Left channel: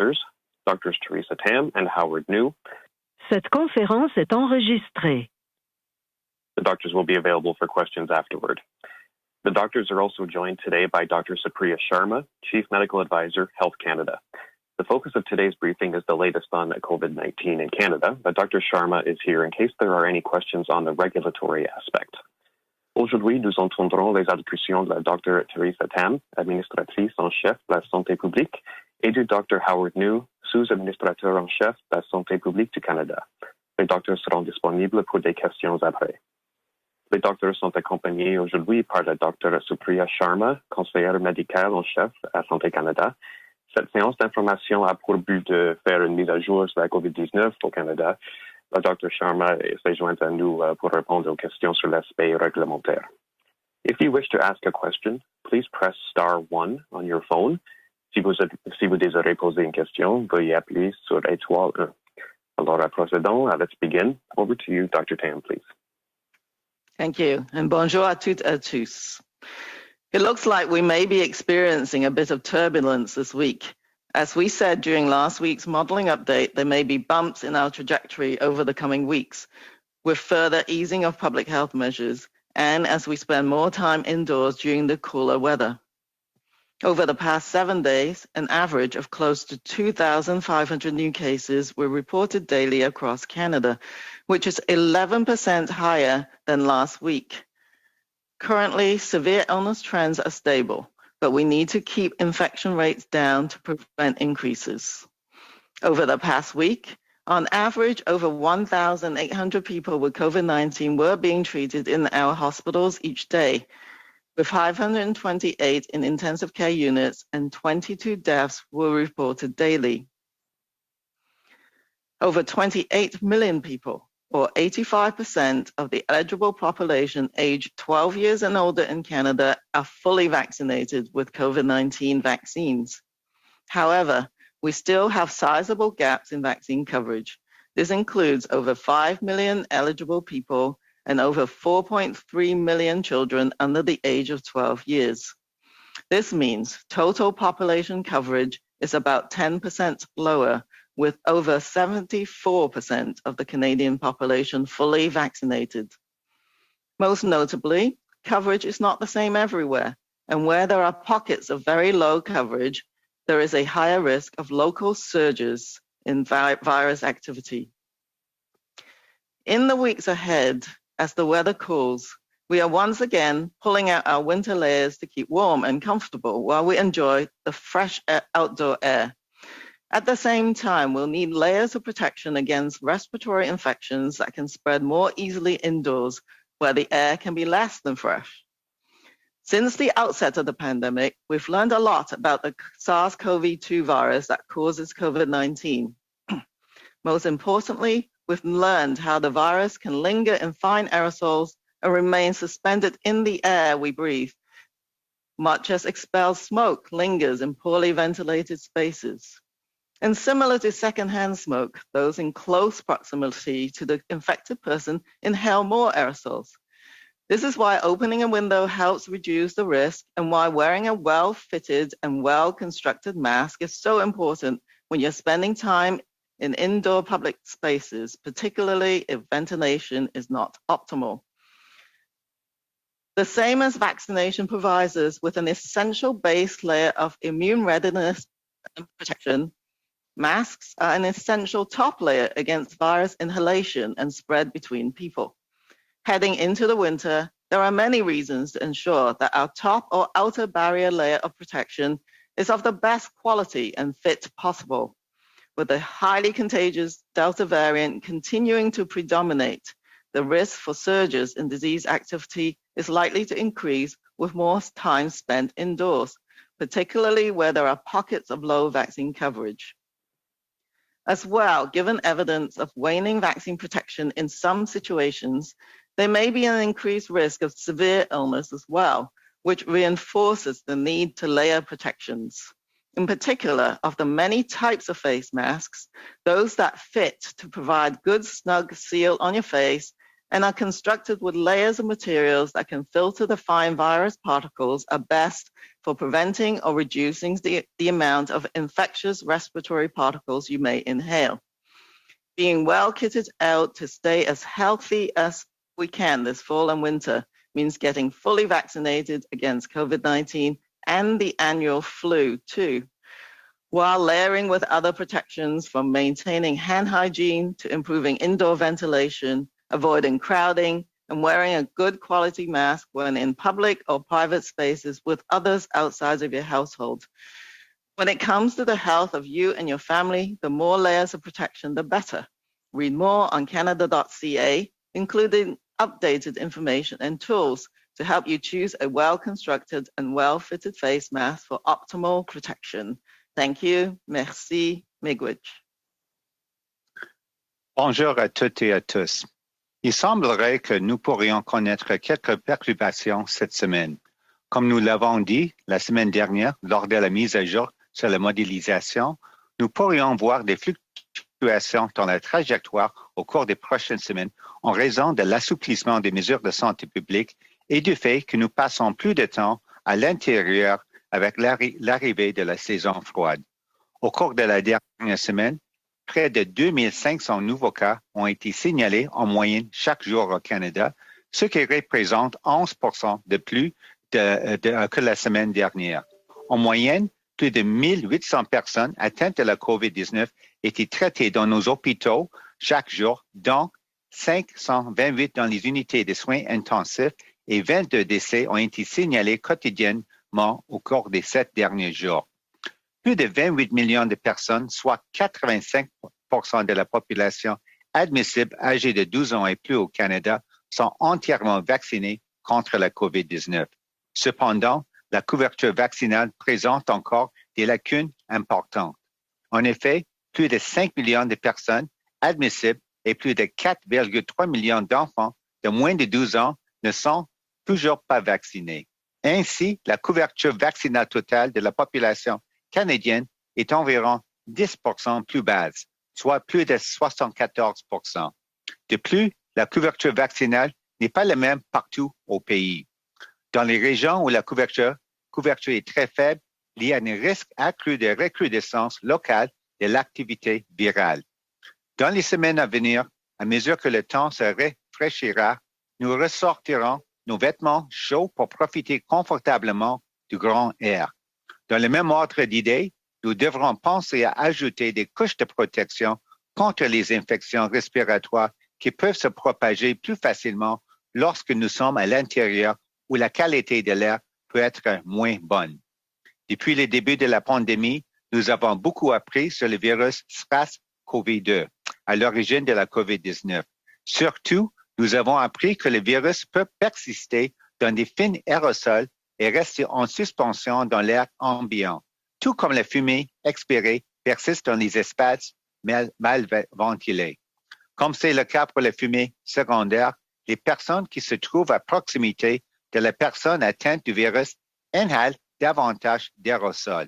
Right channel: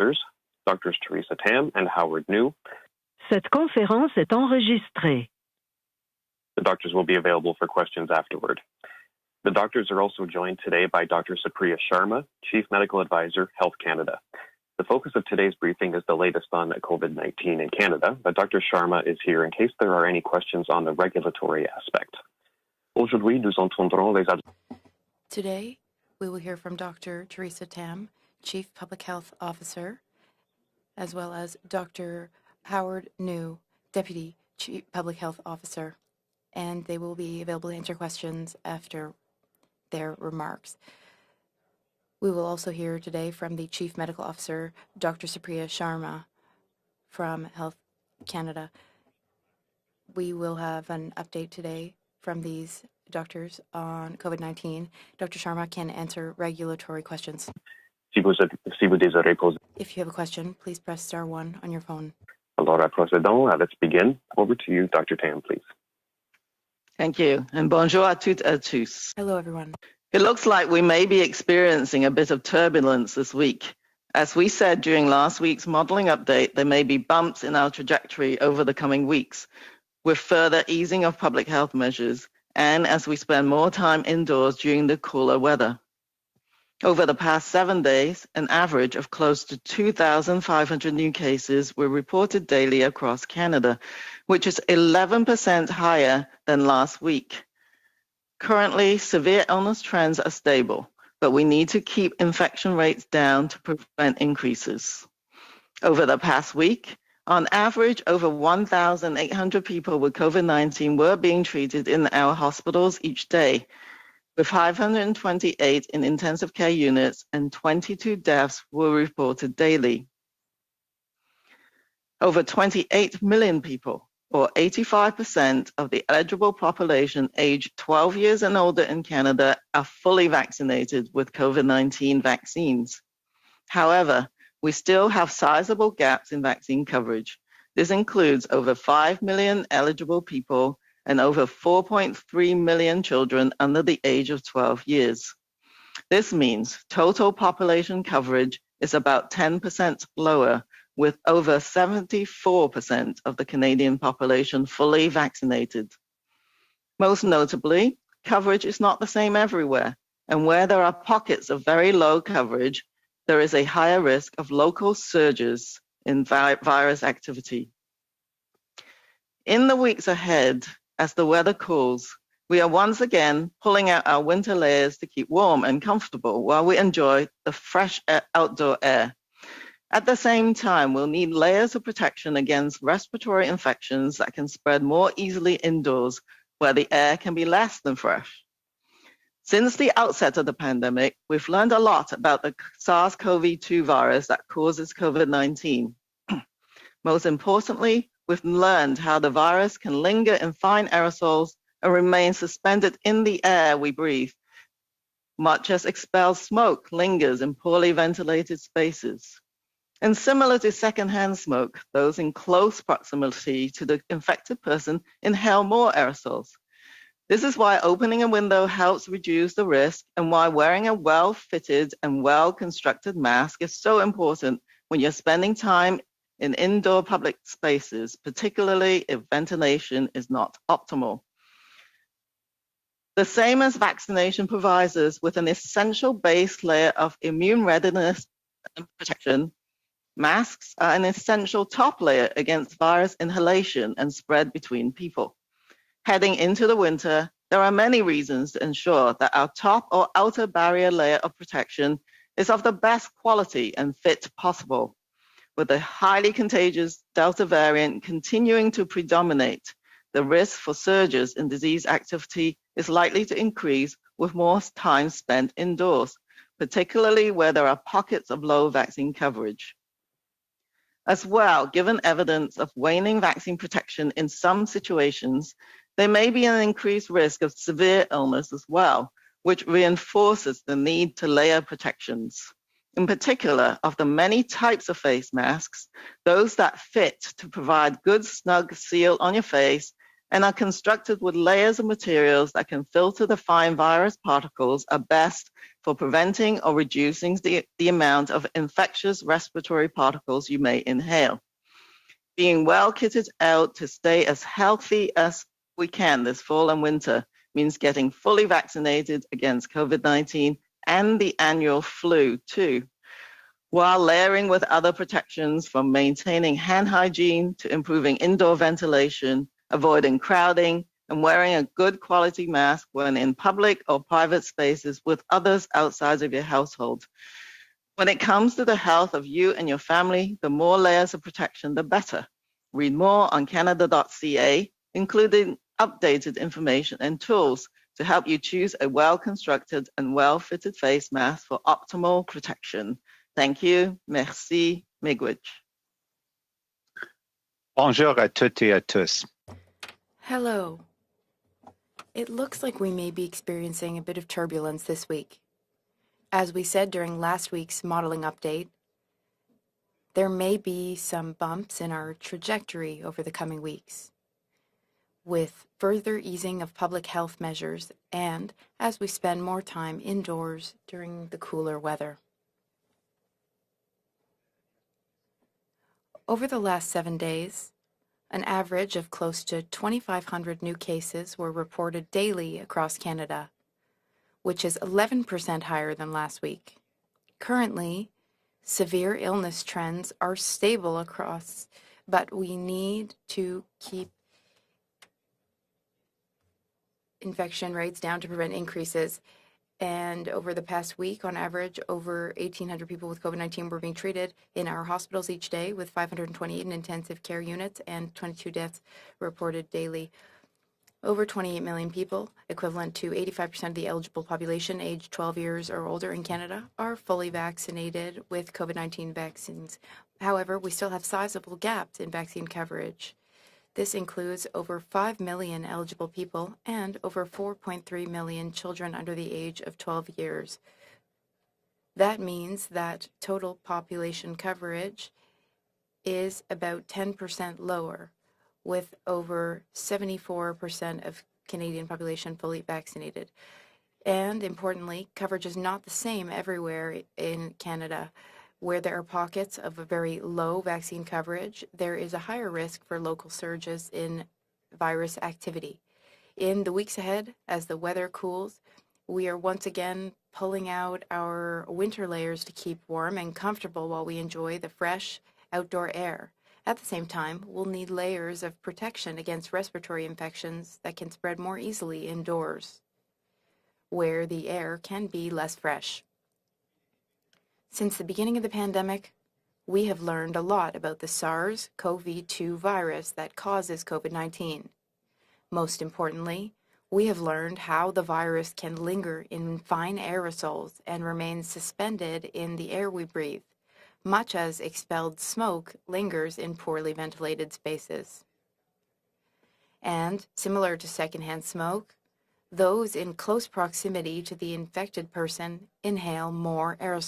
doctors, Drs. Teresa Tam and Howard New. Cette conférence est enregistrée. The doctors will be available for questions afterward. The doctors are also joined today by Dr. Supriya Sharma, Chief Medical Advisor, Health Canada. The focus of today's briefing is the latest on COVID-19 in Canada, but Dr. Sharma is here in case there are any questions on the regulatory aspect. Aujourd'hui, nous entendrons les allocutions de la Dr. Teresa Tam, administratrice en chef de la santé publique, et du Dr. Howard New, sous-administrateur en chef de la santé publique du Canada. Les docteurs seront disponibles pour des questions après. Les docteurs sont accompagnés aujourd'hui par la Dr. Supriya Sharma, conseillère médicale en chef de la Santé Canada. Cette séance d'information a pour but de faire une mise à jour sur la COVID-19 au Canada. La Dr. Sharma s'est jointe à nous pour répondre aux questions sur l'aspect réglementaire. If you wish to ask a question, please press *1 on your phone. Si vous désirez poser une question, veuillez appuyer sur étoile 1. Alors, procédons. Let's begin. Over to you, Dr. Tam, please. Thank you, and bonjour à toutes et à tous. Hello, everyone. It looks like we may be experiencing a bit of turbulence this week. As we said during last week's modeling update, there may be bumps in our trajectory over the coming weeks, with further easing of public health measures, and as we spend more time indoors during the cooler weather. Over the past 7 days, an average of close to 2,500 new cases were reported daily across Canada, which is 11% higher than last week. Currently, severe illness trends are stable, but we need to keep infection rates down to prevent increases. Over the past week, on average, over 1,800 people with COVID-19 were being treated in our hospitals each day, with 528 in intensive care units and 22 deaths were reported daily. Over 28 million people, or 85% of the eligible population aged 12 years and older in Canada, are fully vaccinated with COVID-19 vaccines. However, we still have sizable gaps in vaccine coverage. This includes over 5 million eligible people and over 4.3 million children under the age of 12 years. This means total population coverage is about 10% lower, with over 74% of the Canadian population fully vaccinated. Most notably, coverage is not the same everywhere, and where there are pockets of very low coverage, there is a higher risk of local surges in virus activity. In the weeks ahead, as the weather cools, we are once again pulling out our winter layers to keep warm and comfortable while we enjoy the fresh outdoor air. At the same time, we'll need layers of protection against respiratory infections that can spread more easily indoors, where the air can be less than fresh. Since the outset of the pandemic, we've learned a lot about the SARS-CoV-2 virus that causes COVID-19. Most importantly, we've learned how the virus can linger in fine aerosols and remain suspended in the air we breathe, much as expelled smoke lingers in poorly ventilated spaces. And similar to secondhand smoke, those in close proximity to the infected person inhale more aerosols. This is why opening a window helps reduce the risk, and why wearing a well-fitted and well-constructed mask is so important when you're spending time in indoor public spaces, particularly if ventilation is not optimal. The same as vaccination provides us with an essential base layer of immune readiness and protection, masks are an essential top layer against virus inhalation and spread between people. Heading into the winter, there are many reasons to ensure that our top or outer barrier layer of protection is of the best quality and fit possible. With the highly contagious Delta variant continuing to predominate, the risk for surges in disease activity is likely to increase with more time spent indoors, particularly where there are pockets of low vaccine coverage. As well, given evidence of waning vaccine protection in some situations, there may be an increased risk of severe illness as well, which reinforces the need to layer protections. In particular, of the many types of face masks, those that fit to provide good snug seal on your face and are constructed with layers of materials that can filter the fine virus particles are best for preventing or reducing the amount of infectious respiratory particles you may inhale. Being well kitted out to stay as healthy as we can this fall and winter means getting fully vaccinated against COVID-19 and the annual flu too, while layering with other protections from maintaining hand hygiene to improving indoor ventilation, avoiding crowding, and wearing a good quality mask when in public or private spaces with others outside of your household. When it comes to the health of you and your family, the more layers of protection, the better. Read more on Canada.ca, including updated information and tools to help you choose a well-constructed and well-fitted face mask for optimal protection. Thank you. Merci. Miigwech. Bonjour à toutes et à tous. Il semblerait que nous pourrions connaître quelques perturbations cette semaine. Comme nous l'avons dit la semaine dernière lors de la mise à jour sur la modélisation, nous pourrions voir des fluctuations dans la trajectoire au cours des prochaines semaines en raison de l'assouplissement des mesures de santé publique et du fait que nous passons plus de temps à l'intérieur avec l'arrivée de la saison froide. Au cours de la dernière semaine, près de 2500 nouveaux cas ont été signalés en moyenne chaque jour au Canada, ce qui représente 11% de plus que la semaine dernière. En moyenne, plus de 1800 personnes atteintes de la COVID-19 étaient traitées dans nos hôpitaux chaque jour, dont 528 dans les unités de soins intensifs et 22 décès ont été signalés quotidiennement au cours des 7 derniers jours. Plus de 28 millions de personnes, soit 85% de la population admissible âgée de 12 ans et plus au Canada, sont entièrement vaccinés contre la COVID-19. Cependant, la couverture vaccinale présente encore des lacunes importantes. En effet, plus de 5 millions de personnes admissibles et plus de 4,3 millions d'enfants de moins de 12 ans ne sont toujours pas vaccinés. Ainsi, la couverture vaccinale totale de la population canadienne est environ 10% plus basse, soit plus de 74%. De plus, la couverture vaccinale n'est pas la même partout au pays. Dans les régions où la couverture est très faible, il y a un risque accru de recrudescence locale de l'activité virale. Dans les semaines à venir, à mesure que le temps se rafraîchira, nous ressortirons nos vêtements chauds pour profiter confortablement du grand air. Dans le même ordre d'idées, nous devrons penser à ajouter des couches de protection contre les infections respiratoires qui peuvent se propager plus facilement lorsque nous sommes à l'intérieur où la qualité de l'air peut être moins bonne. Depuis le début de la pandémie, nous avons beaucoup appris sur le virus SARS-CoV-2, à l'origine de la COVID-19. Surtout, nous avons appris que le virus peut persister dans des films aérosols et rester en suspension dans l'air ambiant, tout comme la fumée expirée persiste dans les espaces mal ventilés. Comme c'est le cas pour la fumée secondaire, les personnes qui se trouvent à proximité de la personne atteinte du virus inhalent davantage d'aérosols.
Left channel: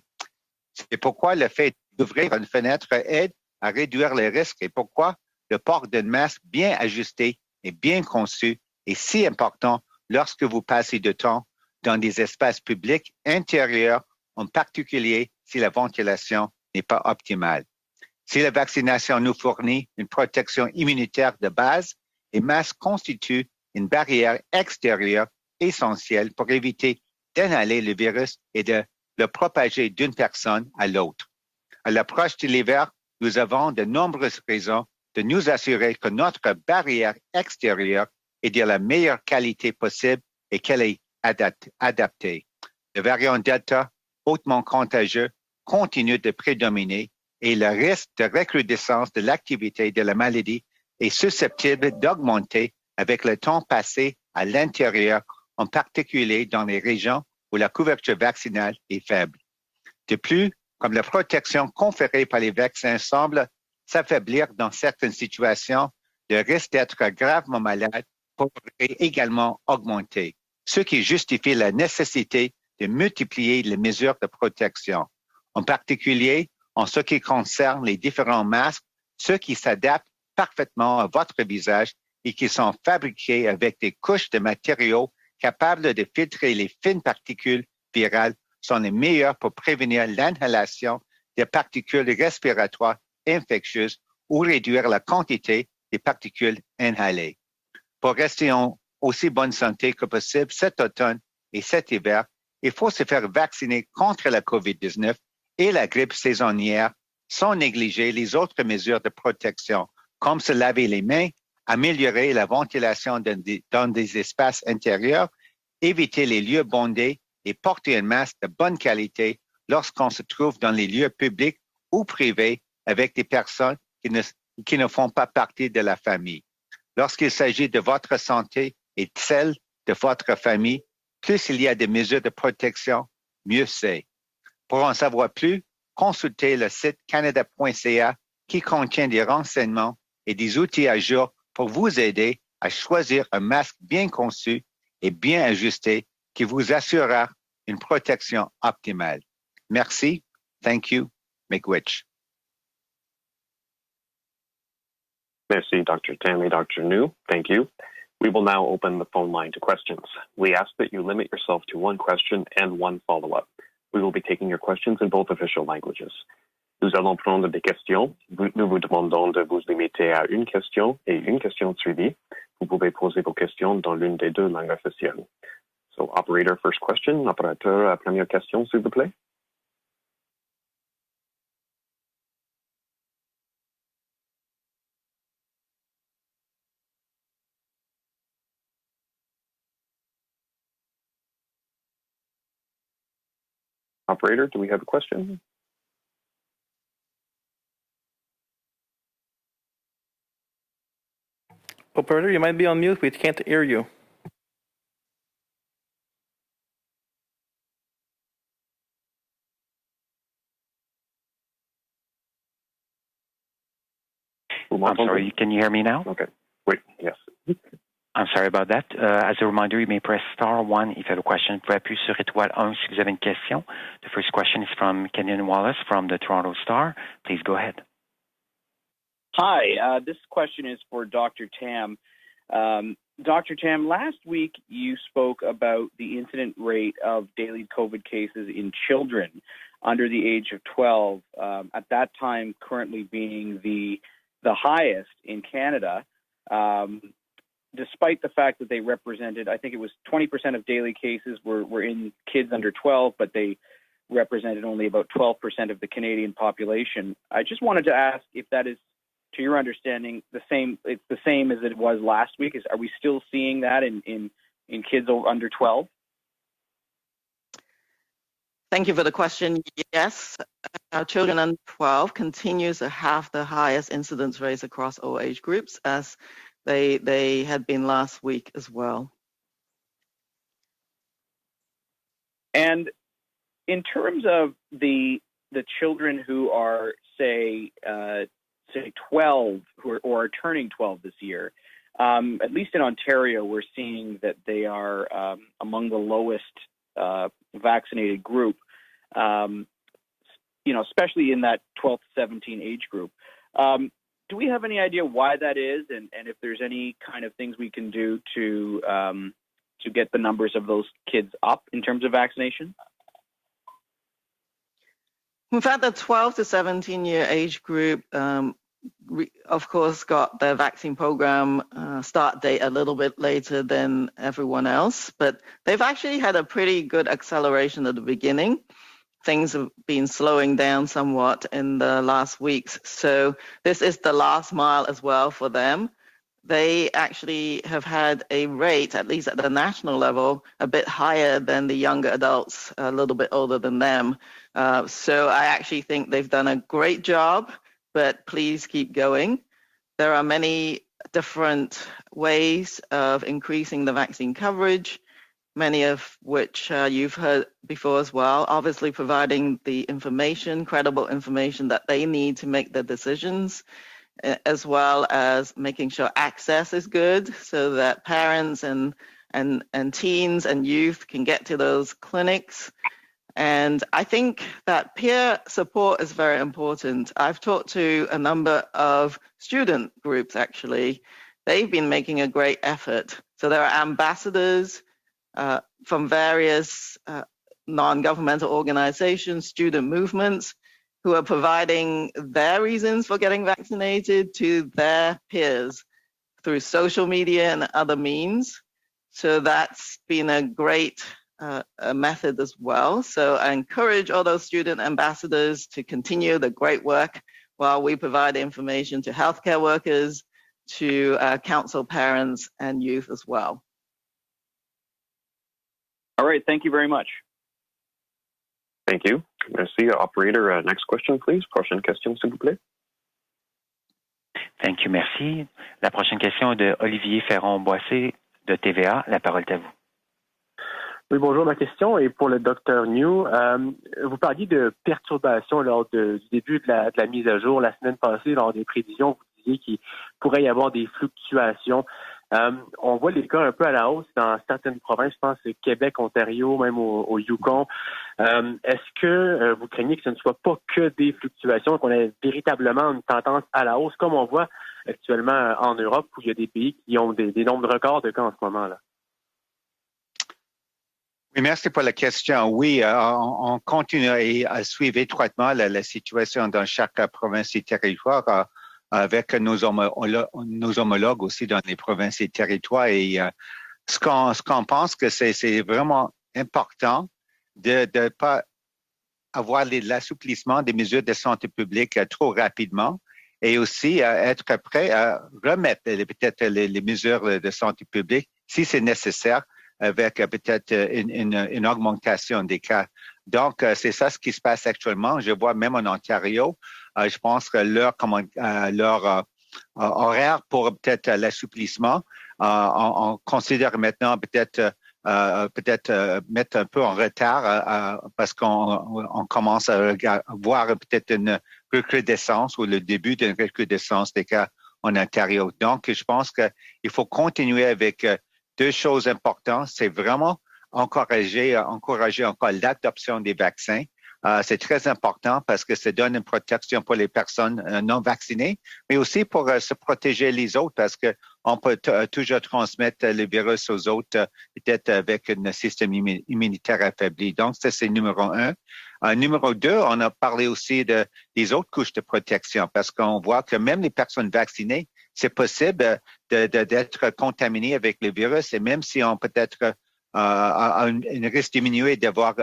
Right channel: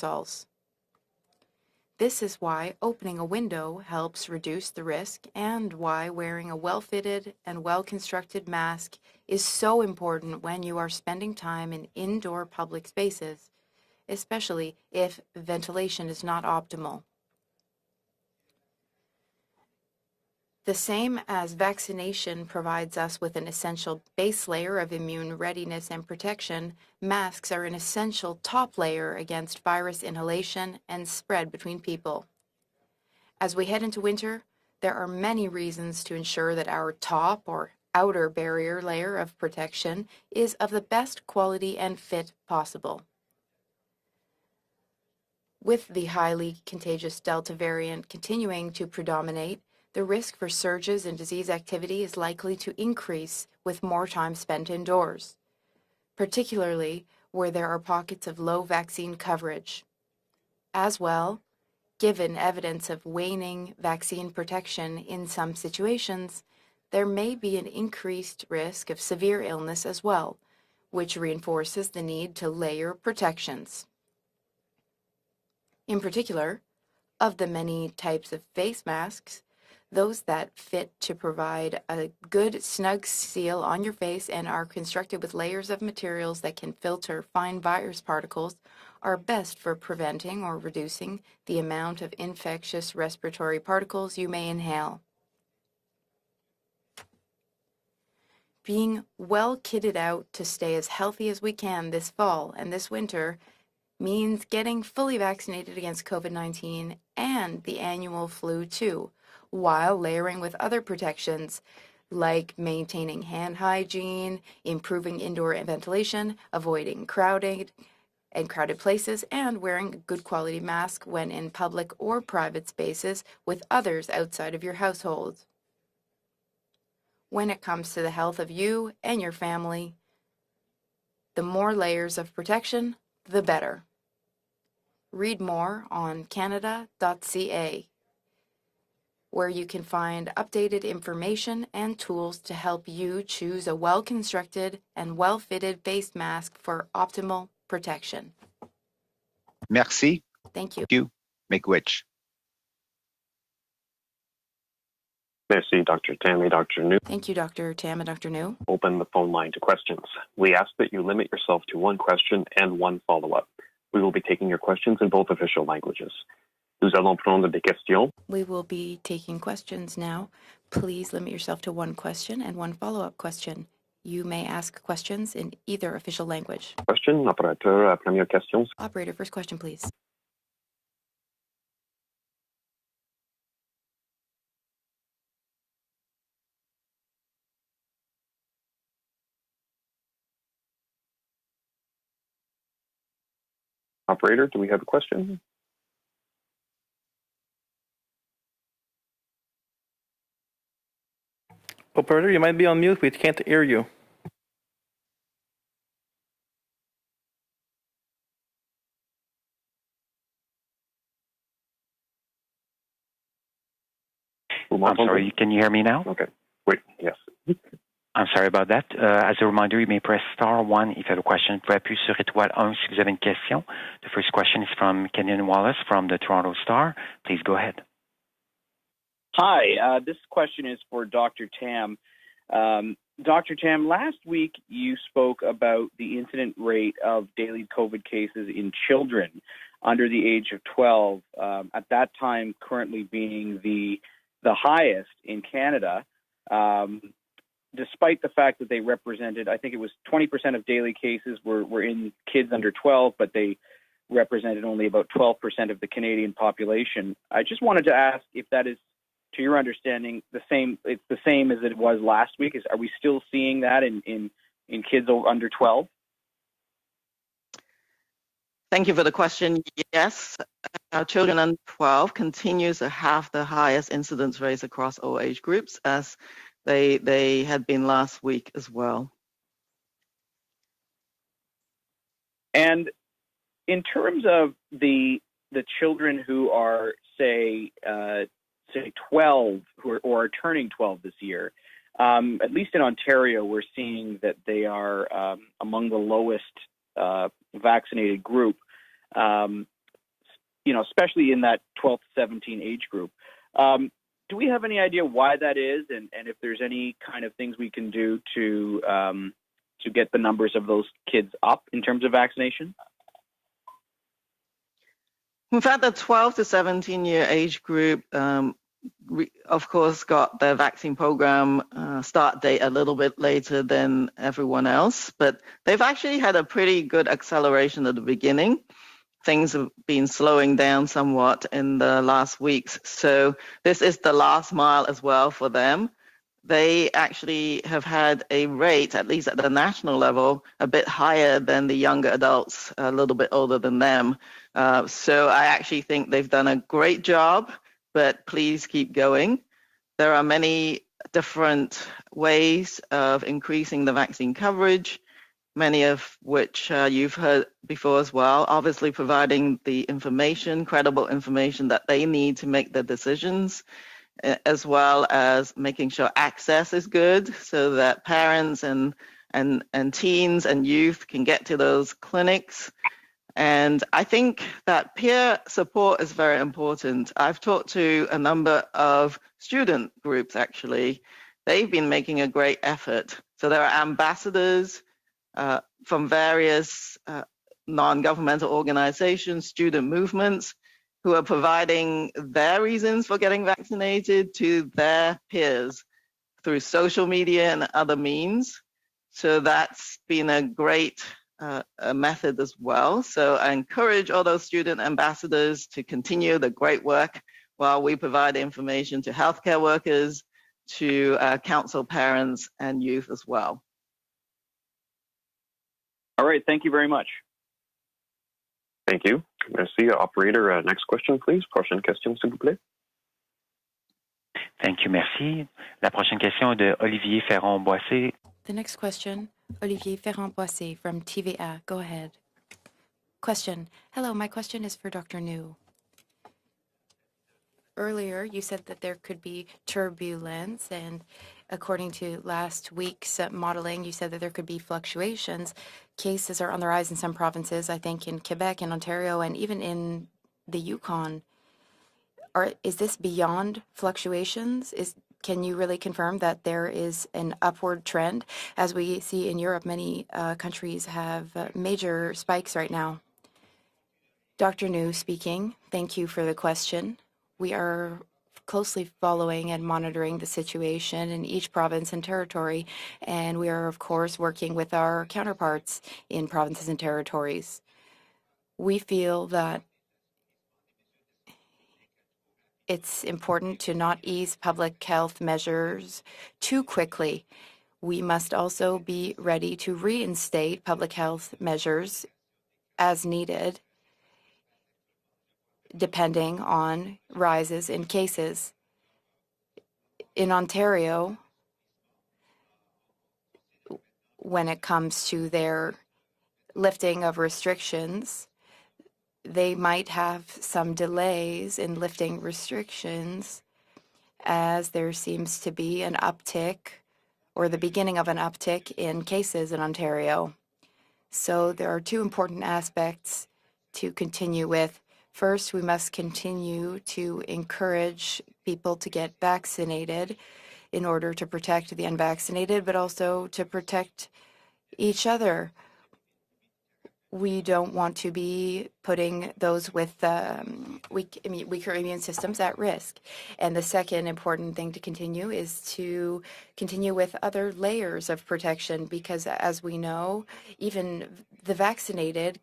C'est pourquoi le fait d'ouvrir une fenêtre aide à réduire les risques et pourquoi le port d'un masque bien ajusté et bien conçu est si important lorsque vous passez du temps dans des espaces publics intérieurs, en particulier si la ventilation n'est pas optimale. Si la vaccination nous fournit une protection immunitaire de base, les masques constituent une barrière extérieure essentielle pour éviter d'inhaler le virus et de le propager d'une personne à l'autre. À l'approche de l'hiver, nous avons de nombreuses raisons de nous assurer que notre barrière extérieure est de la meilleure qualité possible et qu'elle est adaptée. Le variant Delta, hautement contagieux, continue de prédominer et le risque de recrudescence de l'activité de la maladie est susceptible d'augmenter avec le temps passé à l'intérieur, en particulier dans les régions où la couverture vaccinale est faible. De plus, comme la protection conférée par les vaccins semble s'affaiblir dans certaines situations, le risque d'être gravement malade est également augmenté, ce qui justifie la nécessité de multiplier les mesures de protection. en particulier en ce qui concerne les différents masques, ceux qui s'adaptent parfaitement à votre visage et qui sont fabriqués avec des couches de matériaux capables de filtrer les fines particules virales sont les meilleurs pour prévenir l'inhalation des particules respiratoires infectieuses ou réduire la quantité des particules inhalées. Pour rester en aussi bonne santé que possible cet automne et cet hiver, il faut se faire vacciner contre la COVID-19 et la grippe saisonnière sans négliger les autres mesures de protection, comme se laver les mains, améliorer la ventilation dans des espaces intérieurs, éviter les lieux bondés et porter un masque de bonne qualité lorsqu'on se trouve dans les lieux publics ou privés avec des personnes qui ne font pas partie de la famille. Lorsqu'il s'agit de votre santé et de celle de votre famille, plus il y a des mesures de protection, mieux c'est. Pour en savoir plus, consultez le site Canada.ca qui contient des renseignements et des outils à jour pour vous aider à choisir un masque bien conçu et bien ajusté qui vous assurera une protection optimale. Merci. Thank you. Miigwech. Merci, Dr. Tam and Dr. New. Thank you, Dr. Tam and Dr. We will now open the phone line to questions. We ask that you limit yourself to one question and one follow-up. We will be taking your questions in both official languages. Nous allons prendre des questions. Nous vous demandons de vous limiter à une question et une question suivie. Vous pouvez poser vos questions dans l'une des deux langues officielles. So, operator, first question. Opérateur, première question, s'il vous plaît. Operator, first question, please. Operator, do we have a question? Operator, you might be on mute. We can't hear you. I'm sorry, can you hear me now? Okay. Wait, yes. I'm sorry about that. As a reminder, you may press star 1 if you have a question. Vous pouvez appuyer sur étoile 1 si vous avez une question. The first question is from Kenyon Wallace from the Toronto Star. Please go ahead. Hi, this question is for Dr. Tam. Dr. Tam, last week you spoke about the incident rate of daily COVID cases in children under the age of 12, at that time currently being the highest in Canada. Despite the fact that they represented, I think it was 20% of daily cases were in kids under 12, but they represented only about 12% of the Canadian population. I just wanted to ask if that is, to your understanding, it's the same as it was last week. Are we still seeing that in kids under 12? Thank you for the question. Yes, our children under 12 continues to have the highest incidence rates across all age groups, as they had been last week as well. And in terms of the children who are, say 12 or are turning 12 this year, at least in Ontario, we're seeing that they are among the lowest vaccinated group, especially in that 12 to 17 age group. Do we have any idea why that is, and if there's any kind of things we can do to get the numbers of those kids up in terms of vaccination? In fact, the 12 to 17-year age group, of course, got their vaccine program start date a little bit later than everyone else, but they've actually had a pretty good acceleration at the beginning. Things have been slowing down somewhat in the last weeks. So this is the last mile as well for them. They actually have had a rate, at least at the national level, a bit higher than the younger adults, a little bit older than them. So I actually think they've done a great job, but please keep going. There are many different ways of increasing the vaccine coverage, many of which you've heard before as well, obviously providing the information, credible information that they need to make their decisions, as well as making sure access is good so that parents and teens and youth can get to those clinics. And I think that peer support is very important. I've talked to a number of student groups, actually. They've been making a great effort. So there are ambassadors from various non-governmental organizations, student movements, who are providing their reasons for getting vaccinated to their peers through social media and other means. So that's been a great a method as well. So I encourage all those student ambassadors to continue the great work while we provide information to healthcare workers, to counsel parents and youth as well. All right, thank you very much. Thank you. Merci, operator. Next question, please. Prochaine question, s'il vous plaît. Thank you, merci. La prochaine question est de Olivier Ferron-Boissé de TVA. La parole est à vous. Olivier Ferron-Boissé from TVA. Oui, bonjour. Ma question est pour le Dr New. Vous parliez de perturbations lors du début de la mise à jour la semaine passée, lors des prévisions qu'il pourrait y avoir des fluctuations. On voit les cas un peu à la hausse dans certaines provinces, je pense que Québec, Ontario, même au Yukon. Est-ce que vous craignez que ce ne soit pas que des fluctuations, qu'on ait véritablement une tendance à la hausse, comme on voit actuellement en Europe, il y a des pays qui ont des nombres de records de cas en ce moment. Merci pour la question. Oui, on continue à suivre étroitement la situation dans chaque province et territoire avec nos homologues aussi dans les provinces et territoires. Et ce qu'on pense que c'est vraiment important de ne pas avoir l'assouplissement des mesures de santé publique trop rapidement et aussi être prêt à remettre peut-être les mesures de santé publique si c'est nécessaire, avec peut-être une augmentation des cas. Donc, c'est ça ce qui se passe actuellement. Je vois même en Ontario, je pense que leur horaire pour peut-être l'assouplissement, on considère maintenant peut-être mettre un peu en retard parce qu'on commence à voir peut-être une recrudescence ou le début d'une recrudescence des cas en Ontario. Donc, je pense qu'il faut continuer avec deux choses importantes. C'est vraiment encourager encore l'adoption des vaccins. C'est très important parce que ça donne une protection pour les personnes non vaccinées, mais aussi pour se protéger les autres parce qu'on peut toujours transmettre le virus aux autres, peut-être avec un système immunitaire affaibli. Donc, ça, c'est numéro un. Numéro deux, on a parlé aussi des autres couches de protection parce qu'on voit que même les personnes vaccinées, c'est possible d'être contaminées avec le virus et même si on peut-être un risque diminué d'avoir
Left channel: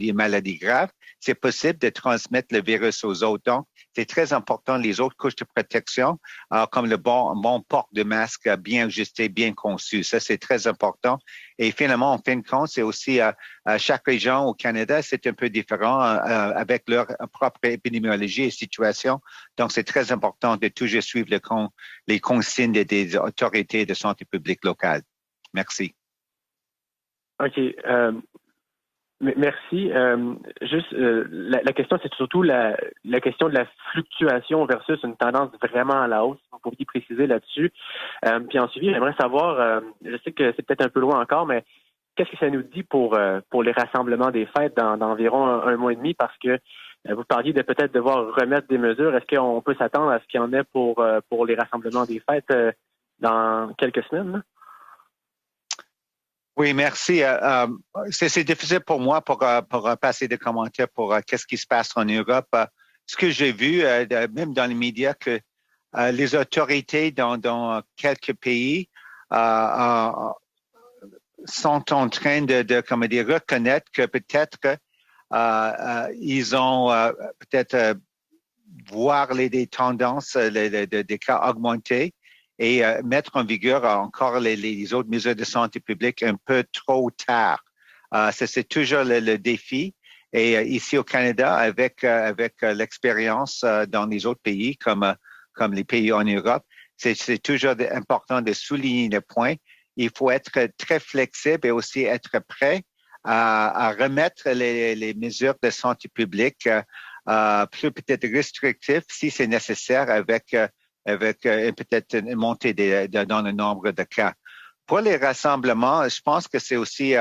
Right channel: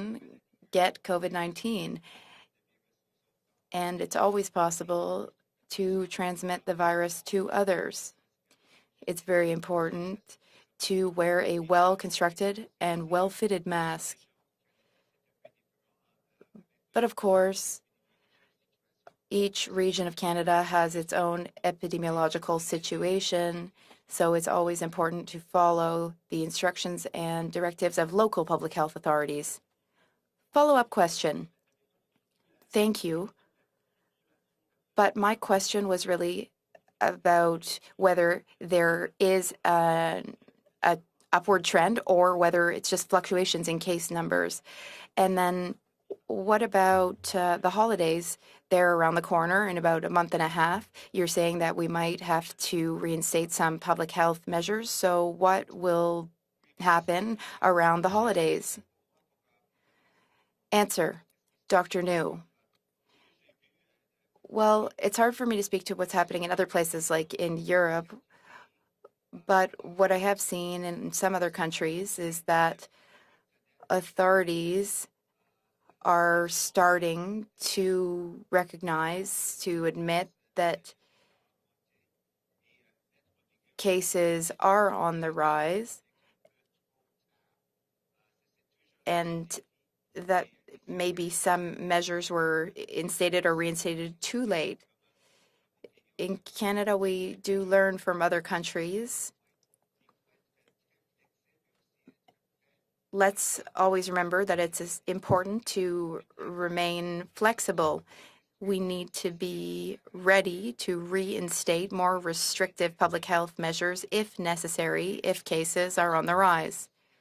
une maladie grave, c'est possible de transmettre le virus aux autres. Donc, c'est très important, les autres couches de protection, comme le bon port de masque bien ajusté, bien conçu. Ça, c'est très important. Et finalement, en fin de compte, c'est aussi à chaque région au Canada, c'est un peu différent avec leur propre épidémiologie et situation. Donc, c'est très important de toujours suivre les consignes des autorités de santé publique locales. Merci. Merci. La question, c'est surtout la question de la fluctuation versus une tendance vraiment à la hausse. Vous pourriez préciser là-dessus. Puis ensuite, j'aimerais savoir, je sais que c'est peut-être un peu loin encore, mais qu'est-ce que ça nous dit pour les rassemblements des fêtes dans environ un mois et demi? Parce que vous parliez de peut-être devoir remettre des mesures. Est-ce qu'on peut s'attendre à ce qu'il y en ait pour les rassemblements des fêtes dans quelques semaines? Oui, merci. C'est difficile pour moi pour passer des commentaires pour qu'est-ce qui se passe en Europe. Ce que j'ai vu, même dans les médias, que les autorités dans quelques pays sont en train de reconnaître que peut-être ils ont peut-être voir les tendances des cas augmenter et mettre en vigueur encore les autres mesures de santé publique un peu trop tard. C'est toujours le défi. Et ici au Canada, avec l'expérience dans les autres pays, comme les pays en Europe, c'est toujours important de souligner le point. Il faut être très flexible et aussi être prêt à remettre les mesures de santé publique plus peut-être restrictives si c'est nécessaire avec peut-être une montée dans le nombre de cas. Pour les rassemblements, je pense que c'est aussi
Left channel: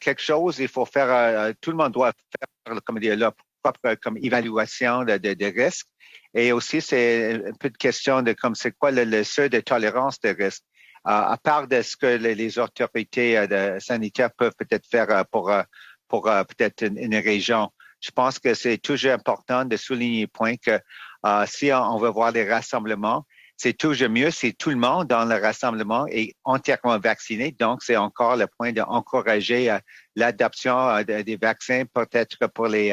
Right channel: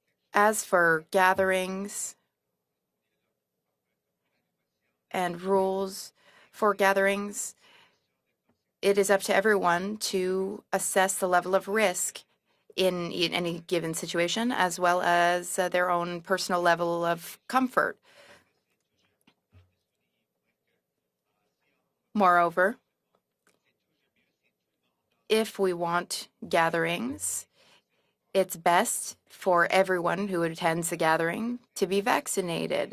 quelque chose, il faut faire, tout le monde doit faire comme leur propre comme évaluation de risque. Et aussi, c'est un peu de question de comme c'est quoi le seuil de tolérance de risque, à part de ce que les autorités sanitaires peuvent peut-être faire pour peut-être une région. Je pense que c'est toujours important de souligner le point que si on veut voir des rassemblements, c'est toujours mieux si tout le monde dans le rassemblement est entièrement vacciné. Donc, c'est encore le point d'encourager l'adoption des vaccins, peut-être pour les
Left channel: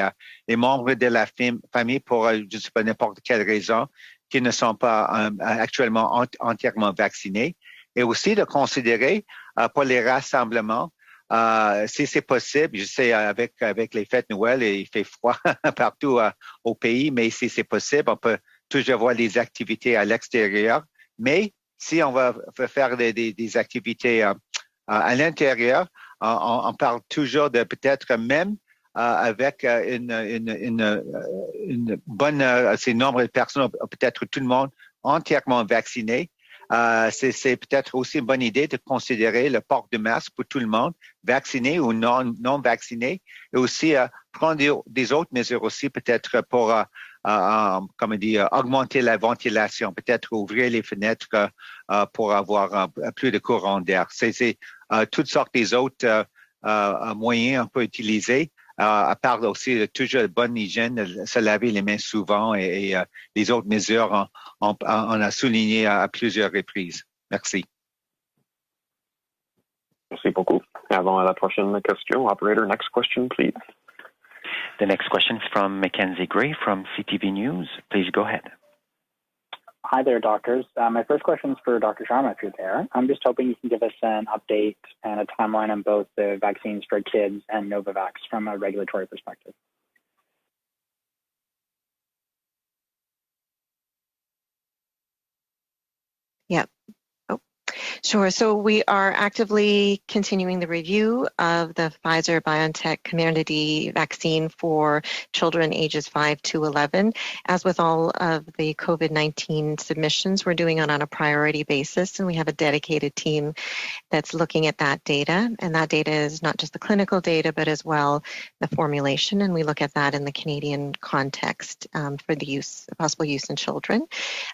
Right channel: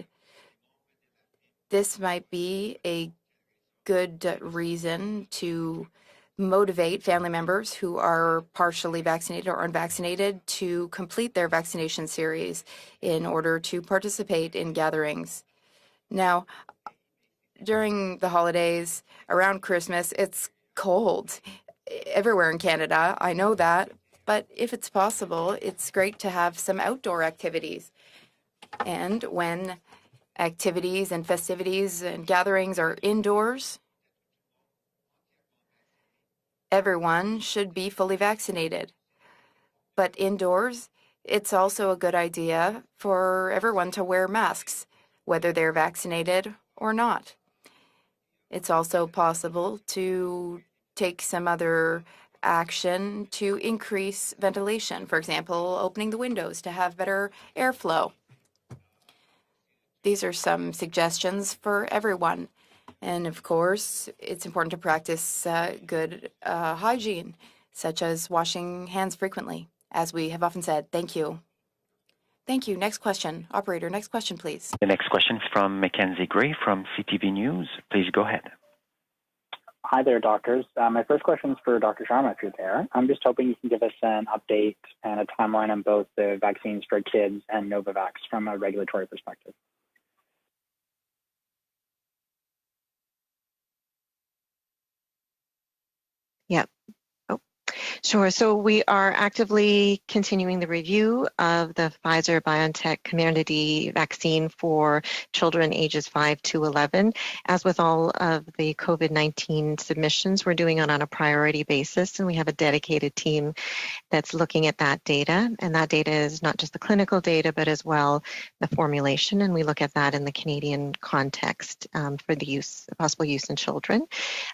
membres de la famille pour n'importe quelle raison qui ne sont pas actuellement entièrement vaccinés. Et aussi de considérer pour les rassemblements, si c'est possible, je sais avec les fêtes de Noël, il fait froid partout au pays, mais si c'est possible, on peut toujours voir les activités à l'extérieur. Mais si on va faire des activités à l'intérieur, on parle toujours de peut-être même avec une bonne nombre de personnes, peut-être tout le monde entièrement vacciné. C'est peut-être aussi une bonne idée de considérer le port de masque pour tout le monde, vacciné ou non vacciné, et aussi prendre des autres mesures aussi peut-être pour comment dire, augmenter la ventilation, peut-être ouvrir les fenêtres pour avoir plus de courant d'air. C'est toutes sortes des autres moyens qu'on peut utiliser, à part aussi toujours bonne hygiène, se laver les mains souvent et les autres mesures, on a souligné à plusieurs reprises. Merci. Such as washing hands frequently, as we Merci have beaucoup. often said. Thank Avant you. la prochaine question, operator, Thank you. next question, please. Operator, next question, please. The next question is from Mackenzie Gray from CTV News. Please go ahead. Hi there, doctors. My first question is for Dr. Sharma, if you're there. I'm just hoping you can give us an update and a timeline on both the vaccines for kids and Novavax from a regulatory perspective. Yeah. Sure. So we are actively continuing the review of the Pfizer-BioNTech community vaccine for children ages 5 to 11. As with all of the COVID-19 submissions, we're doing it on a priority basis, and we have a dedicated team that's looking at that data. And that data is not just the clinical data, but as well the formulation. And we look at that in the Canadian context for the possible use in children.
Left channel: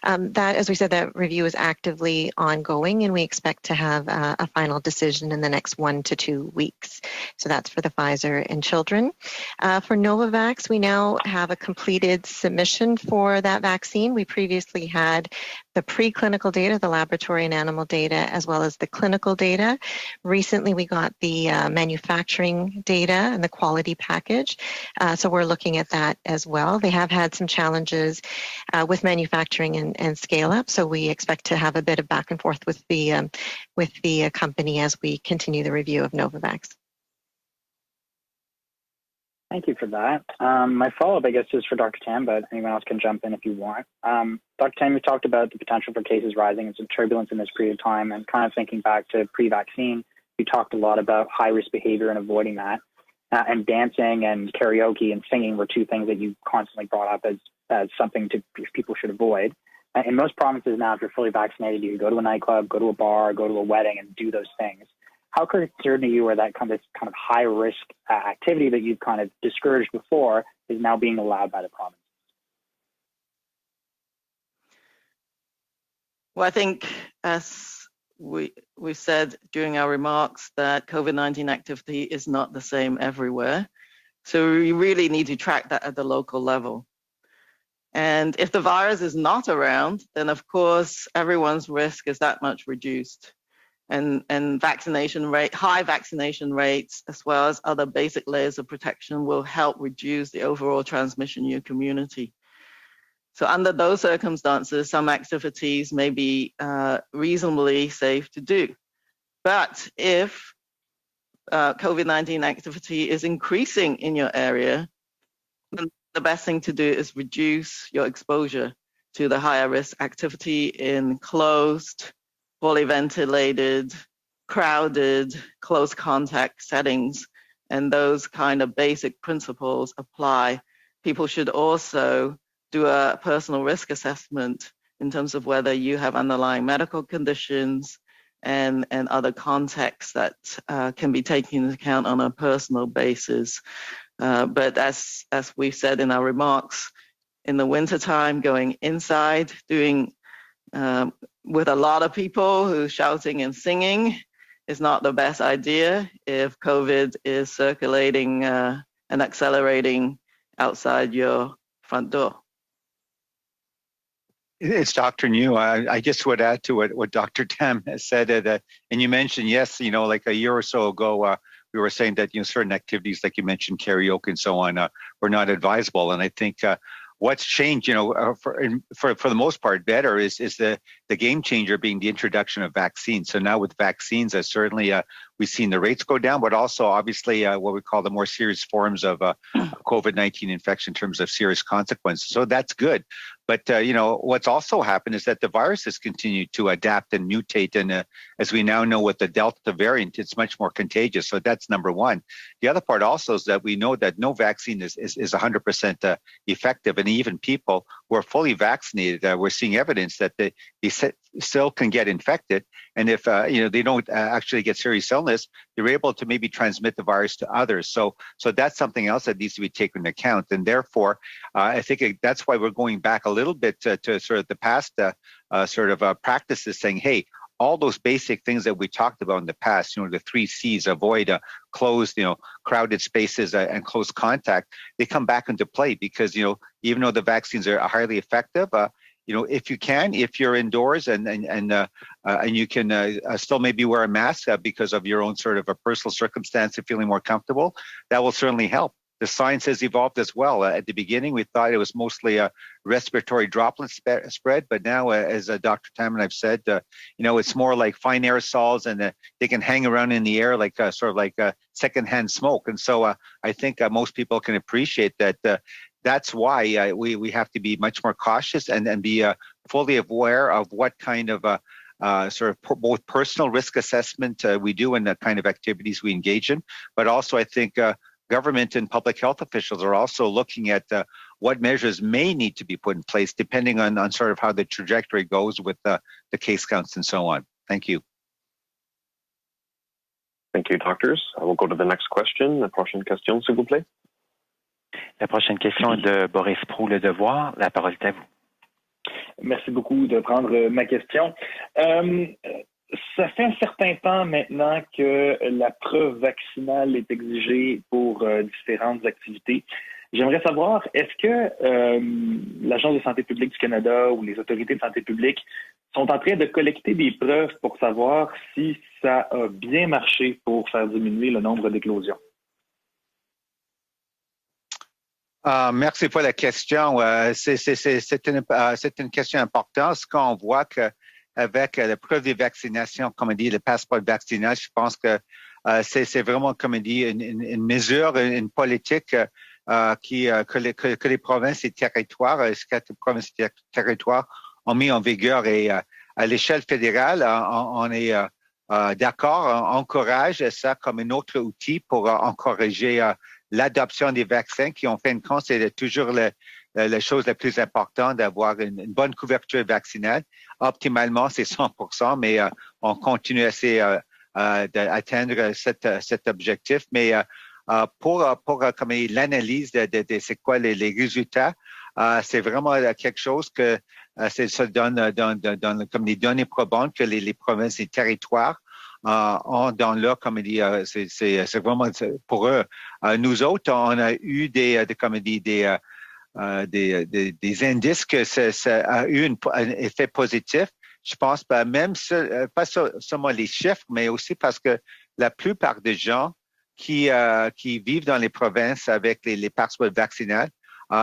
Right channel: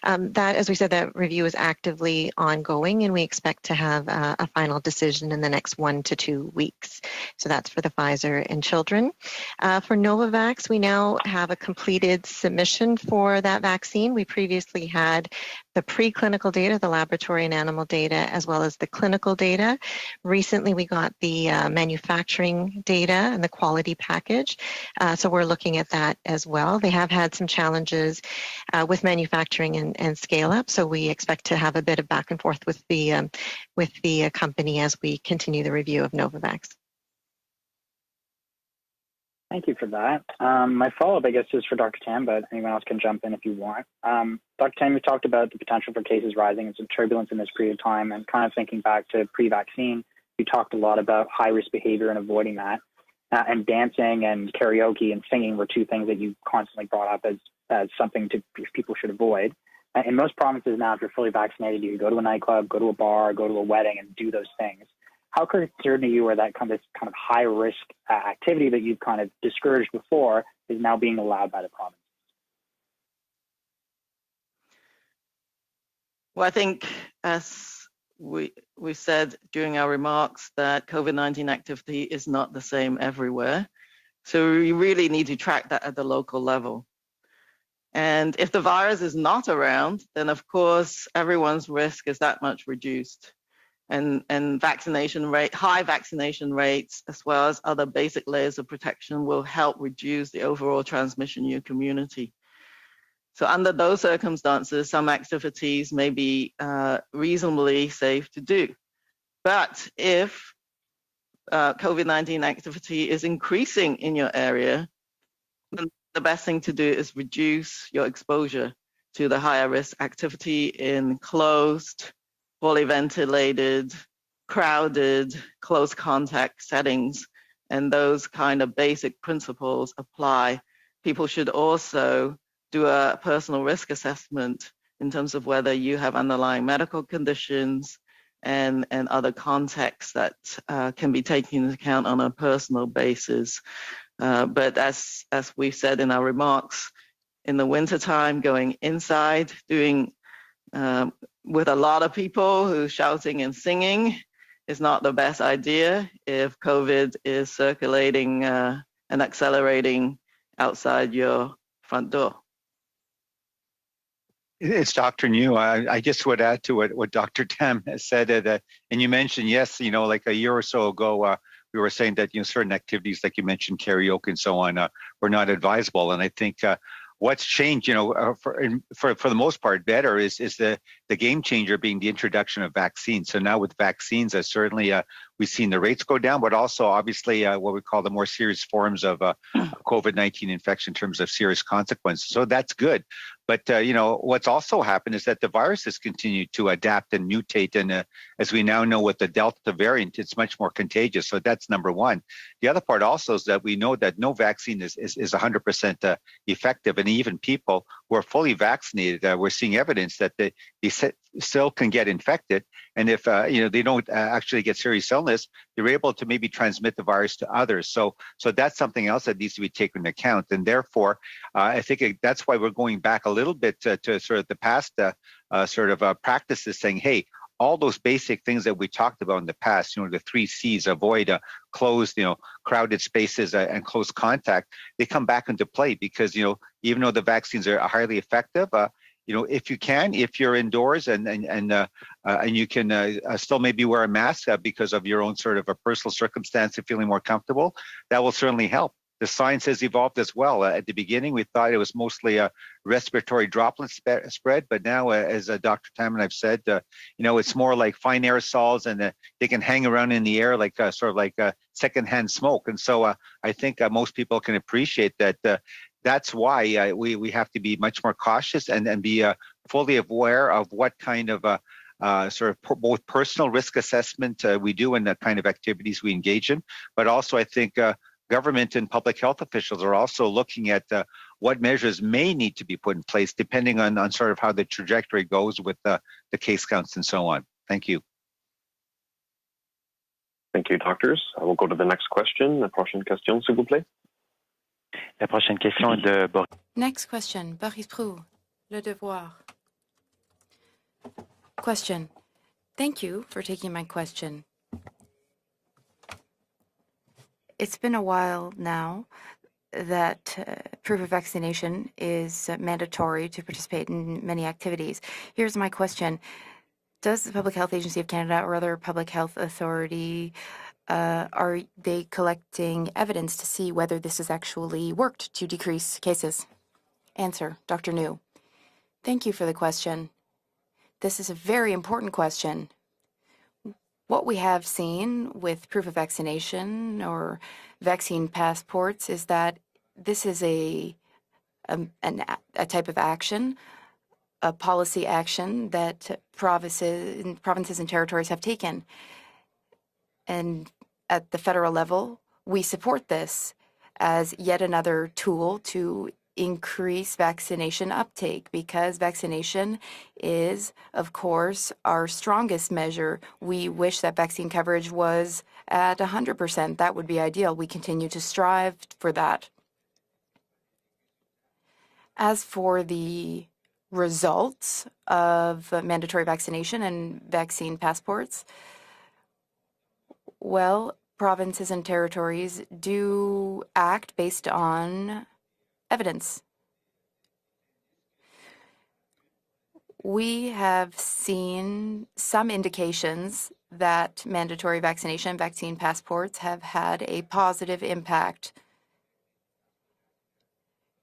That, as we said, that review is actively ongoing, and we expect to have a final decision in the next 1 to 2 weeks. So that's for the Pfizer and children. For Novavax, we now have a completed submission for that vaccine. We previously had the preclinical data, the laboratory and animal data, as well as the clinical data. Recently, we got the manufacturing data and the quality package. So we're looking at that as well. They have had some challenges with manufacturing and scale up. So we expect to have a bit of back and forth with the company as we continue the review of Novavax. Thank you for that. My follow-up, I guess, is for Dr. Tam, but anyone else can jump in if you want. Dr. Tam, you talked about the potential for cases rising and some turbulence in this period of time, and kind of thinking back to pre-vaccine, you talked a lot about high-risk behavior and avoiding that. And dancing and karaoke and singing were two things that you constantly brought up as something people should avoid. In most provinces now, if you're fully vaccinated, you can go to a nightclub, go to a bar, go to a wedding, and do those things. How concerned are you where that kind of high risk activity that you've kind of discouraged before is now being allowed by the province? Well, I think as we said during our remarks that COVID-19 activity is not the same everywhere. So we really need to track that at the local level. And if the virus is not around, then of course everyone's risk is that much reduced. And high vaccination rates, as well as other basic layers of protection, will help reduce the overall transmission in your community. So under those circumstances, some activities may be reasonably safe to do. But if COVID-19 activity is increasing in your area, then the best thing to do is reduce your exposure to the higher risk activity in closed, poorly ventilated, crowded, close contact settings. And those kind of basic principles apply. People should also do a personal risk assessment in terms of whether you have underlying medical conditions, and other contexts that can be taken into account on a personal basis. But as we've said in our remarks, in the wintertime, going inside, doing with a lot of people who's shouting and singing is not the best idea if COVID is circulating and accelerating outside your front door. It's Dr. New. I just would add to what Dr. Tam has said, and you mentioned, yes, like a year or so ago, we were saying that certain activities, like you mentioned, karaoke and so on, were not advisable. And I think what's changed, for the most part, better is the game changer being the introduction of vaccines. So now with vaccines, certainly we've seen the rates go down, but also obviously what we call the more serious forms of COVID-19 infection in terms of serious consequences. So that's good. But, what's also happened is that the virus has continued to adapt and mutate. And as we now know with the Delta variant, it's much more contagious. So that's number one. The other part also is that we know that no vaccine is 100% effective. And even people who are fully vaccinated, we're seeing evidence that they still can get infected. And if, they don't actually get serious illness, they're able to maybe transmit the virus to others. So that's something else that needs to be taken into account. And therefore, I think that's why we're going back a little bit to sort of the past practices, saying, hey, all those basic things that we talked about in the past, the 3 C's, avoid closed, crowded spaces and close contact, they come back into play because, even though the vaccines are highly effective, if you're indoors and you can still maybe wear a mask because of your own sort of a personal circumstance and feeling more comfortable, that will certainly help. The science has evolved as well. At the beginning, we thought it was mostly a respiratory droplet spread, but now, as Dr. Tam and I've said, it's more like fine aerosols, and they can hang around in the air like sort of like secondhand smoke. And so I think most people can appreciate that. That's why we have to be much more cautious and be fully aware of what kind of both personal risk assessment we do and the kind of activities we engage in, but also I think government and public health officials are also looking at what measures may need to be put in place depending on sort of how the trajectory goes with the case counts and so on. Thank you. Thank you, doctors. I will go to the next question. La prochaine question, s'il vous plaît. La prochaine question est de Boris Proulx, Le Devoir. La parole est à vous. Le Devoir. Merci beaucoup de prendre ma question. Thank you Ça for fait un taking my certain temps question. maintenant que la preuve vaccinale est exigée It's been a pour while différentes now activités. that J'aimerais savoir, proof of est-ce que vaccination is l'Agence de santé mandatory to publique du participate Canada in ou les many autorités de santé activities. publique Here's my sont question. en train de collecter des Does the preuves Public Health pour Agency of savoir Canada or other si public ça health a bien marché authority pour faire diminuer le are nombre they d'éclosions? collecting evidence to see whether this has actually worked to decrease Merci pour la cases? question. Answer, Dr. New. C'est une Thank you question for the importante. question. Ce qu'on voit This is a very avec la important preuve de question. vaccination, comme on dit, le passeport What we vaccinal, have je pense que seen with proof of c'est vraiment, comme on dit, vaccination or une mesure, vaccine une politique passports is that this is que les provinces et territoires, a type of action, territoires a ont mis en policy vigueur et action à that l'échelle fédérale, provinces on and est territories have taken. d'accord, on encourage And ça comme un at autre the federal outil pour level, we encourager support this l'adoption des as yet vaccins qui, en another fin de compte, tool c'est toujours to la increase chose la plus vaccination importante, uptake d'avoir une because bonne couverture vaccination vaccinale. is, of Optimalement, c'est course, our 100%, mais strongest on measure. continue à We essayer wish that vaccine coverage was d'atteindre at cet 100%. objectif. That would Mais be ideal. We continue to pour strive comme for that. l'analyse de c'est quoi les résultats, c'est As vraiment for quelque the chose que ça results donne of comme les mandatory données vaccination probantes que and les vaccine provinces et passports, territoires ont dans leur, comme dit, well, c'est provinces and vraiment pour territories eux. Nous do autres, on a act eu based comme on dit, evidence. des indices que ça a eu un effet We positif. have Je pense pas même seen some pas seulement les indications chiffres, mais that aussi parce que mandatory la vaccination, plupart vaccine des gens passports have had qui a positive vivent dans les impact. provinces avec les passeports vaccinales,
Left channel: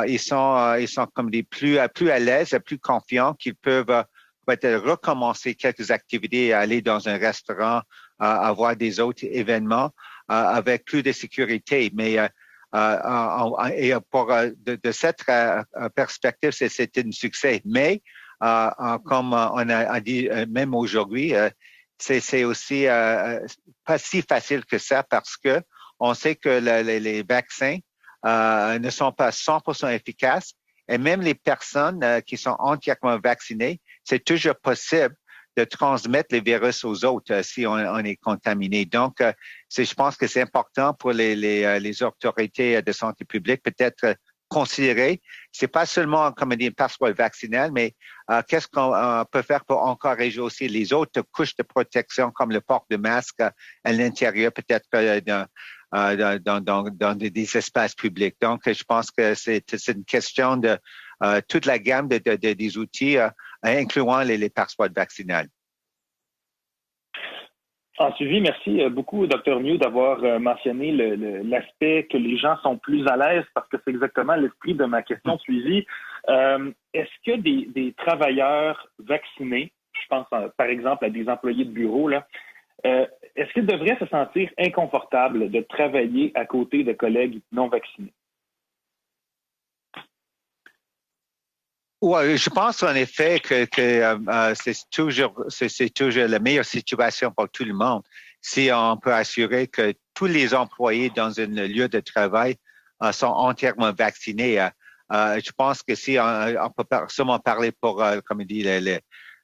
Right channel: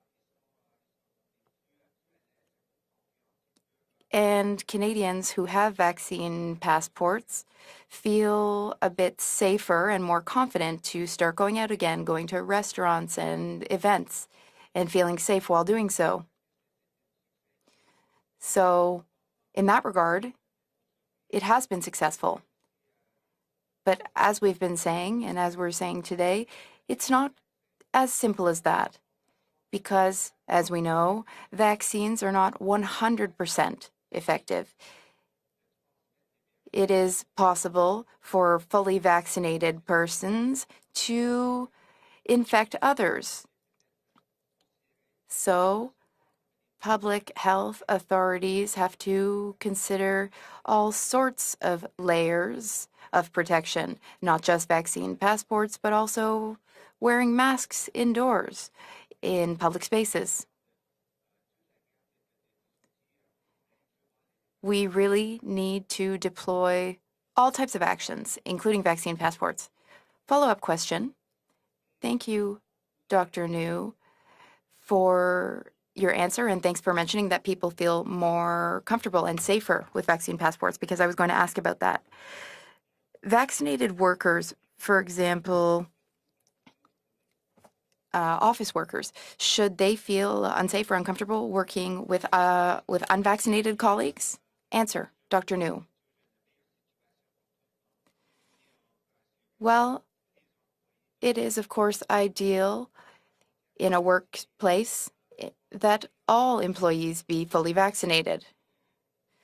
ils sont comme des plus à l'aise, plus confiants qu'ils peuvent And peut-être Canadians who recommencer have quelques vaccine activités, aller dans un passports restaurant, feel avoir a des bit autres événements safer and more confident avec plus to de start going out sécurité. again, Mais going to restaurants and et events, pour and de feeling cette safe while doing so. perspective, c'est un succès. Mais So, comme on in that a dit regard, même aujourd'hui, it has been successful. c'est aussi pas But si as we've facile been que ça saying, parce and as que we're saying on sait today, que it's les not vaccins as simple as ne that. sont pas 100% Because, efficaces as we et même know, les personnes vaccines are qui sont not entièrement vaccinées, 100% c'est toujours effective. possible de transmettre les virus aux autres si on est contaminé. Donc, je pense que c'est important pour les autorités de santé publique peut-être considérer. C'est pas seulement comme un passeport vaccinal, mais qu'est-ce qu'on peut faire pour encourager aussi les autres couches de protection, comme le port de masque à l'intérieur, peut-être dans des espaces publics. Donc, je pense que c'est une question de toute la gamme des outils, incluant les passeports vaccinales. All types of actions, suivi, merci including vaccine beaucoup, passports. Dr. New, d'avoir mentionné l'aspect que les gens sont plus à l'aise, parce que c'est exactement l'esprit de ma question suivie. Your answer, and thanks for mentioning that people feel more comfortable and safer with vaccine passports, because I was going to ask about that. Vaccinated workers, for example, de travailler à côté de collègues non vaccinés. Office workers, should they feel unsafe or uncomfortable working with with je pense en effet que c'est toujours la meilleure situation pour tout le monde. Si on peut assurer que tous les employés dans un lieu de travail sont entièrement vaccinés, je pense que si on peut seulement parler pour, comme dit,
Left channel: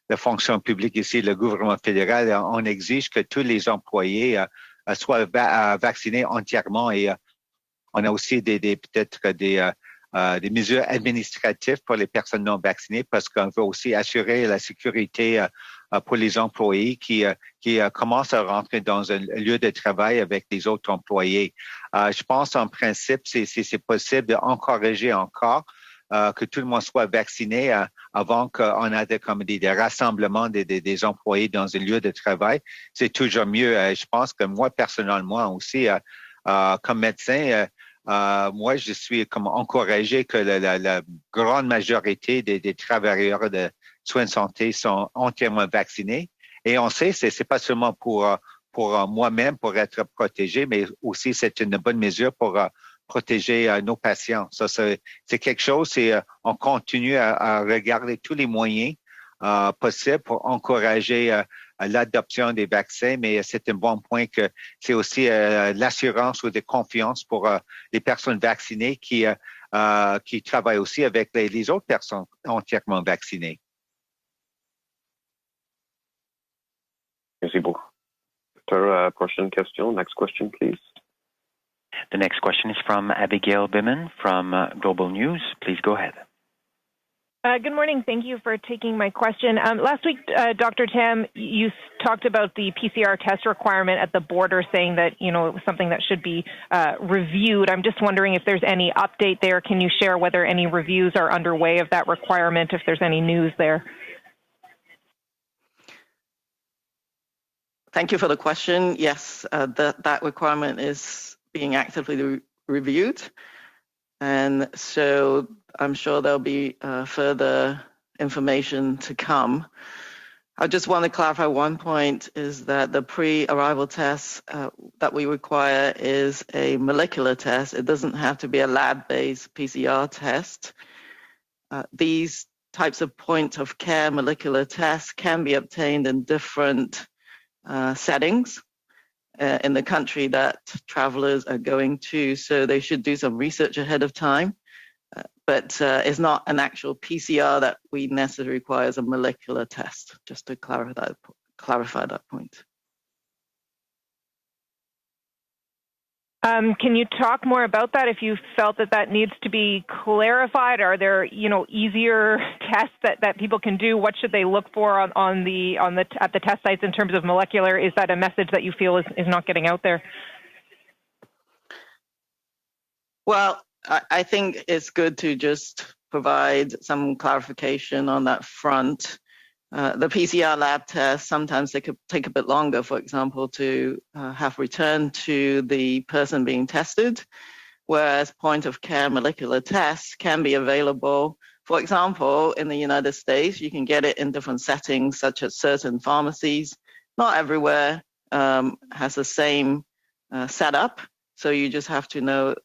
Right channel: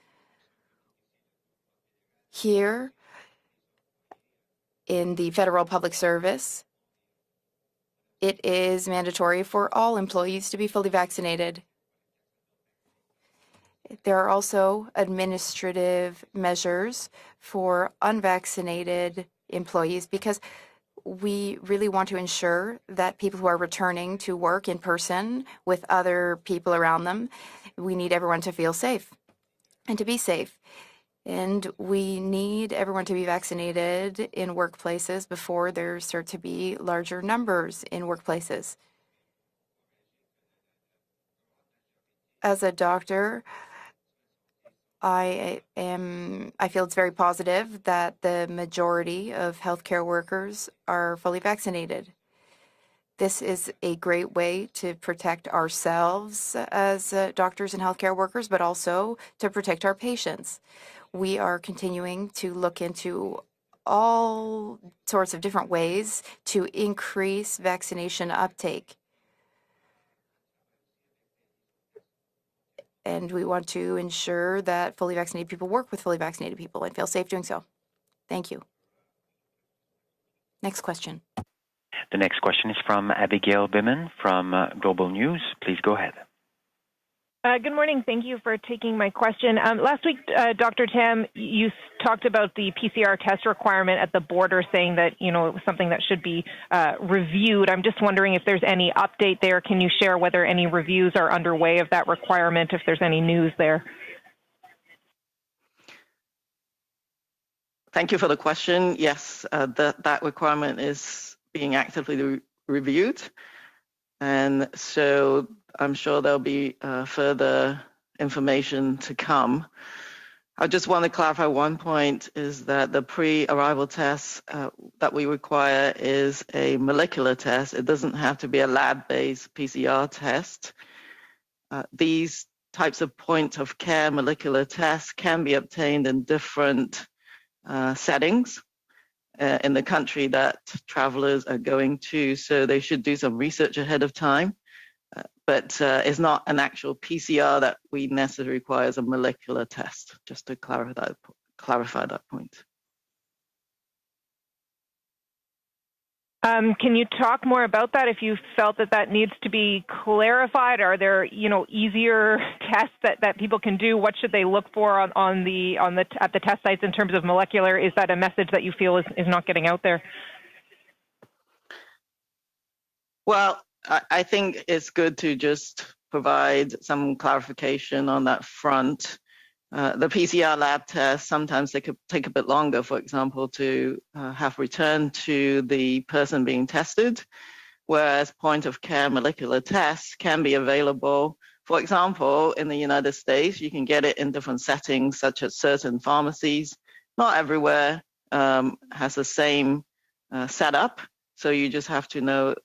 la fonction publique ici, le gouvernement fédéral, on exige que tous les employés soient vaccinés entièrement et on a aussi des mesures administratives pour les personnes non vaccinées parce qu'on veut aussi assurer la sécurité pour les employés qui commencent à rentrer dans un lieu de travail avec les autres employés. Je pense en principe, si c'est possible, d'encourager encore que tout le monde soit vacciné avant qu'on ait des rassemblements des employés dans un lieu de travail. C'est toujours mieux. Je pense que moi, personnellement aussi, comme médecin, moi, je suis comme encouragé que la grande majorité des travailleurs de soins de santé sont entièrement vaccinés. Et on sait que ce n'est pas seulement pour moi-même pour être protégé, mais aussi c'est une bonne mesure pour protéger nos patients. Ça, c'est quelque chose, on continue à regarder tous les moyens possibles pour encourager l'adoption des vaccins, mais c'est un bon point que c'est aussi l'assurance ou de confiance pour les personnes vaccinées qui travaillent aussi avec les autres personnes entièrement vaccinées. We want to ensure that fully vaccinated people work with fully vaccinated people and feel safe doing so. Thank you. Prochaine question. Next question, please. Next question. The next question is from Abigail Biman from Global News. Please go ahead. Good morning. Thank you for taking my question. Last week, Dr. Tam, you talked about the PCR test requirement at the border, saying that, it was something that should be reviewed. I'm just wondering if there's any update there. Can you share whether any reviews are underway of that requirement, if there's any news there? Thank you for the question. Yes, that requirement is being actively reviewed. And so I'm sure there'll be further information to come. I just want to clarify one point is that the pre-arrival test that we require is a molecular test. It doesn't have to be a lab-based PCR test. These types of point of care molecular tests can be obtained in different settings in the country that travelers are going to. So they should do some research ahead of time. But it's not an actual PCR that we necessarily require as a molecular test, just to clarify that point. Can you talk more about that? If you felt that needs to be clarified, are there easier tests that people can do? What should they look for at the test sites in terms of molecular? Is that a message that you feel is not getting out there? Well, I think it's good to just provide some clarification on that front. The PCR lab tests, sometimes they could take a bit longer, for example, to have returned to the person being tested, whereas point-of-care molecular tests can be available. For example, in the United States, you can get it in different settings, such as certain pharmacies. Not everywhere has the same setup, so you just have to know,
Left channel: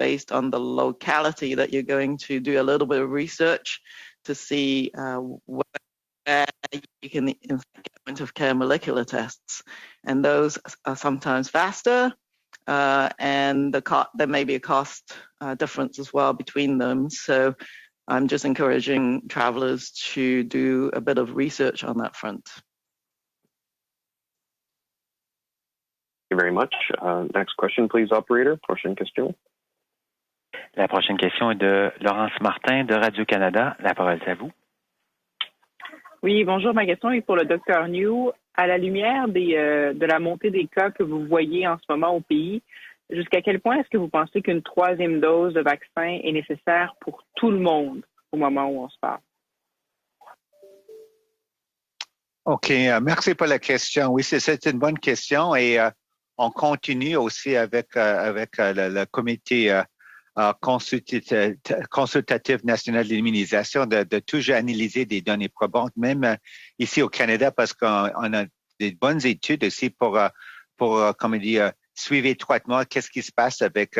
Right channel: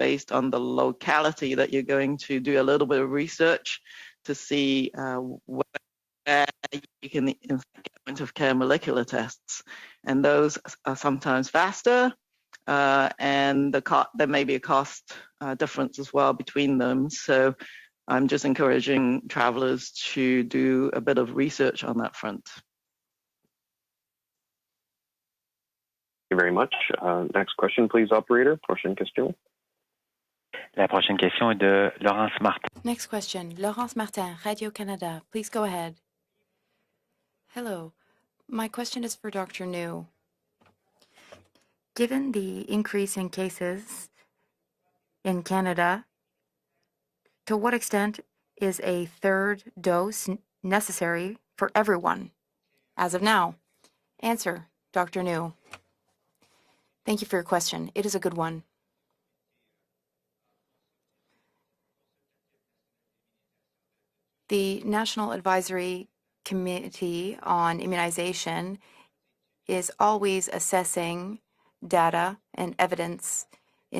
based on the locality that you're going to do a little bit of research to see where you can get point-of-care molecular tests, and those are sometimes faster, and there may be a cost difference as well between them. So I'm just encouraging travelers to do a bit of research on that front. Thank you very much. Next question, please, operator. Prochaine question. La prochaine question est de Laurence Martin de Radio-Canada. La parole est à vous. Radio-Canada, please go ahead. Oui, bonjour. Ma question est pour le Dr. New. À la lumière de la montée des cas que vous voyez en ce moment au pays, jusqu'à quel point est-ce que vous pensez qu'une troisième dose de vaccin est nécessaire pour tout le monde au moment où on parle? OK, merci pour la question. Oui, c'est une bonne question et on continue aussi avec le comité consultatif national de l'immunisation de toujours analyser des données probantes, même ici au Canada, parce qu'on a des bonnes études aussi pour suivre étroitement qu'est-ce qui se passe avec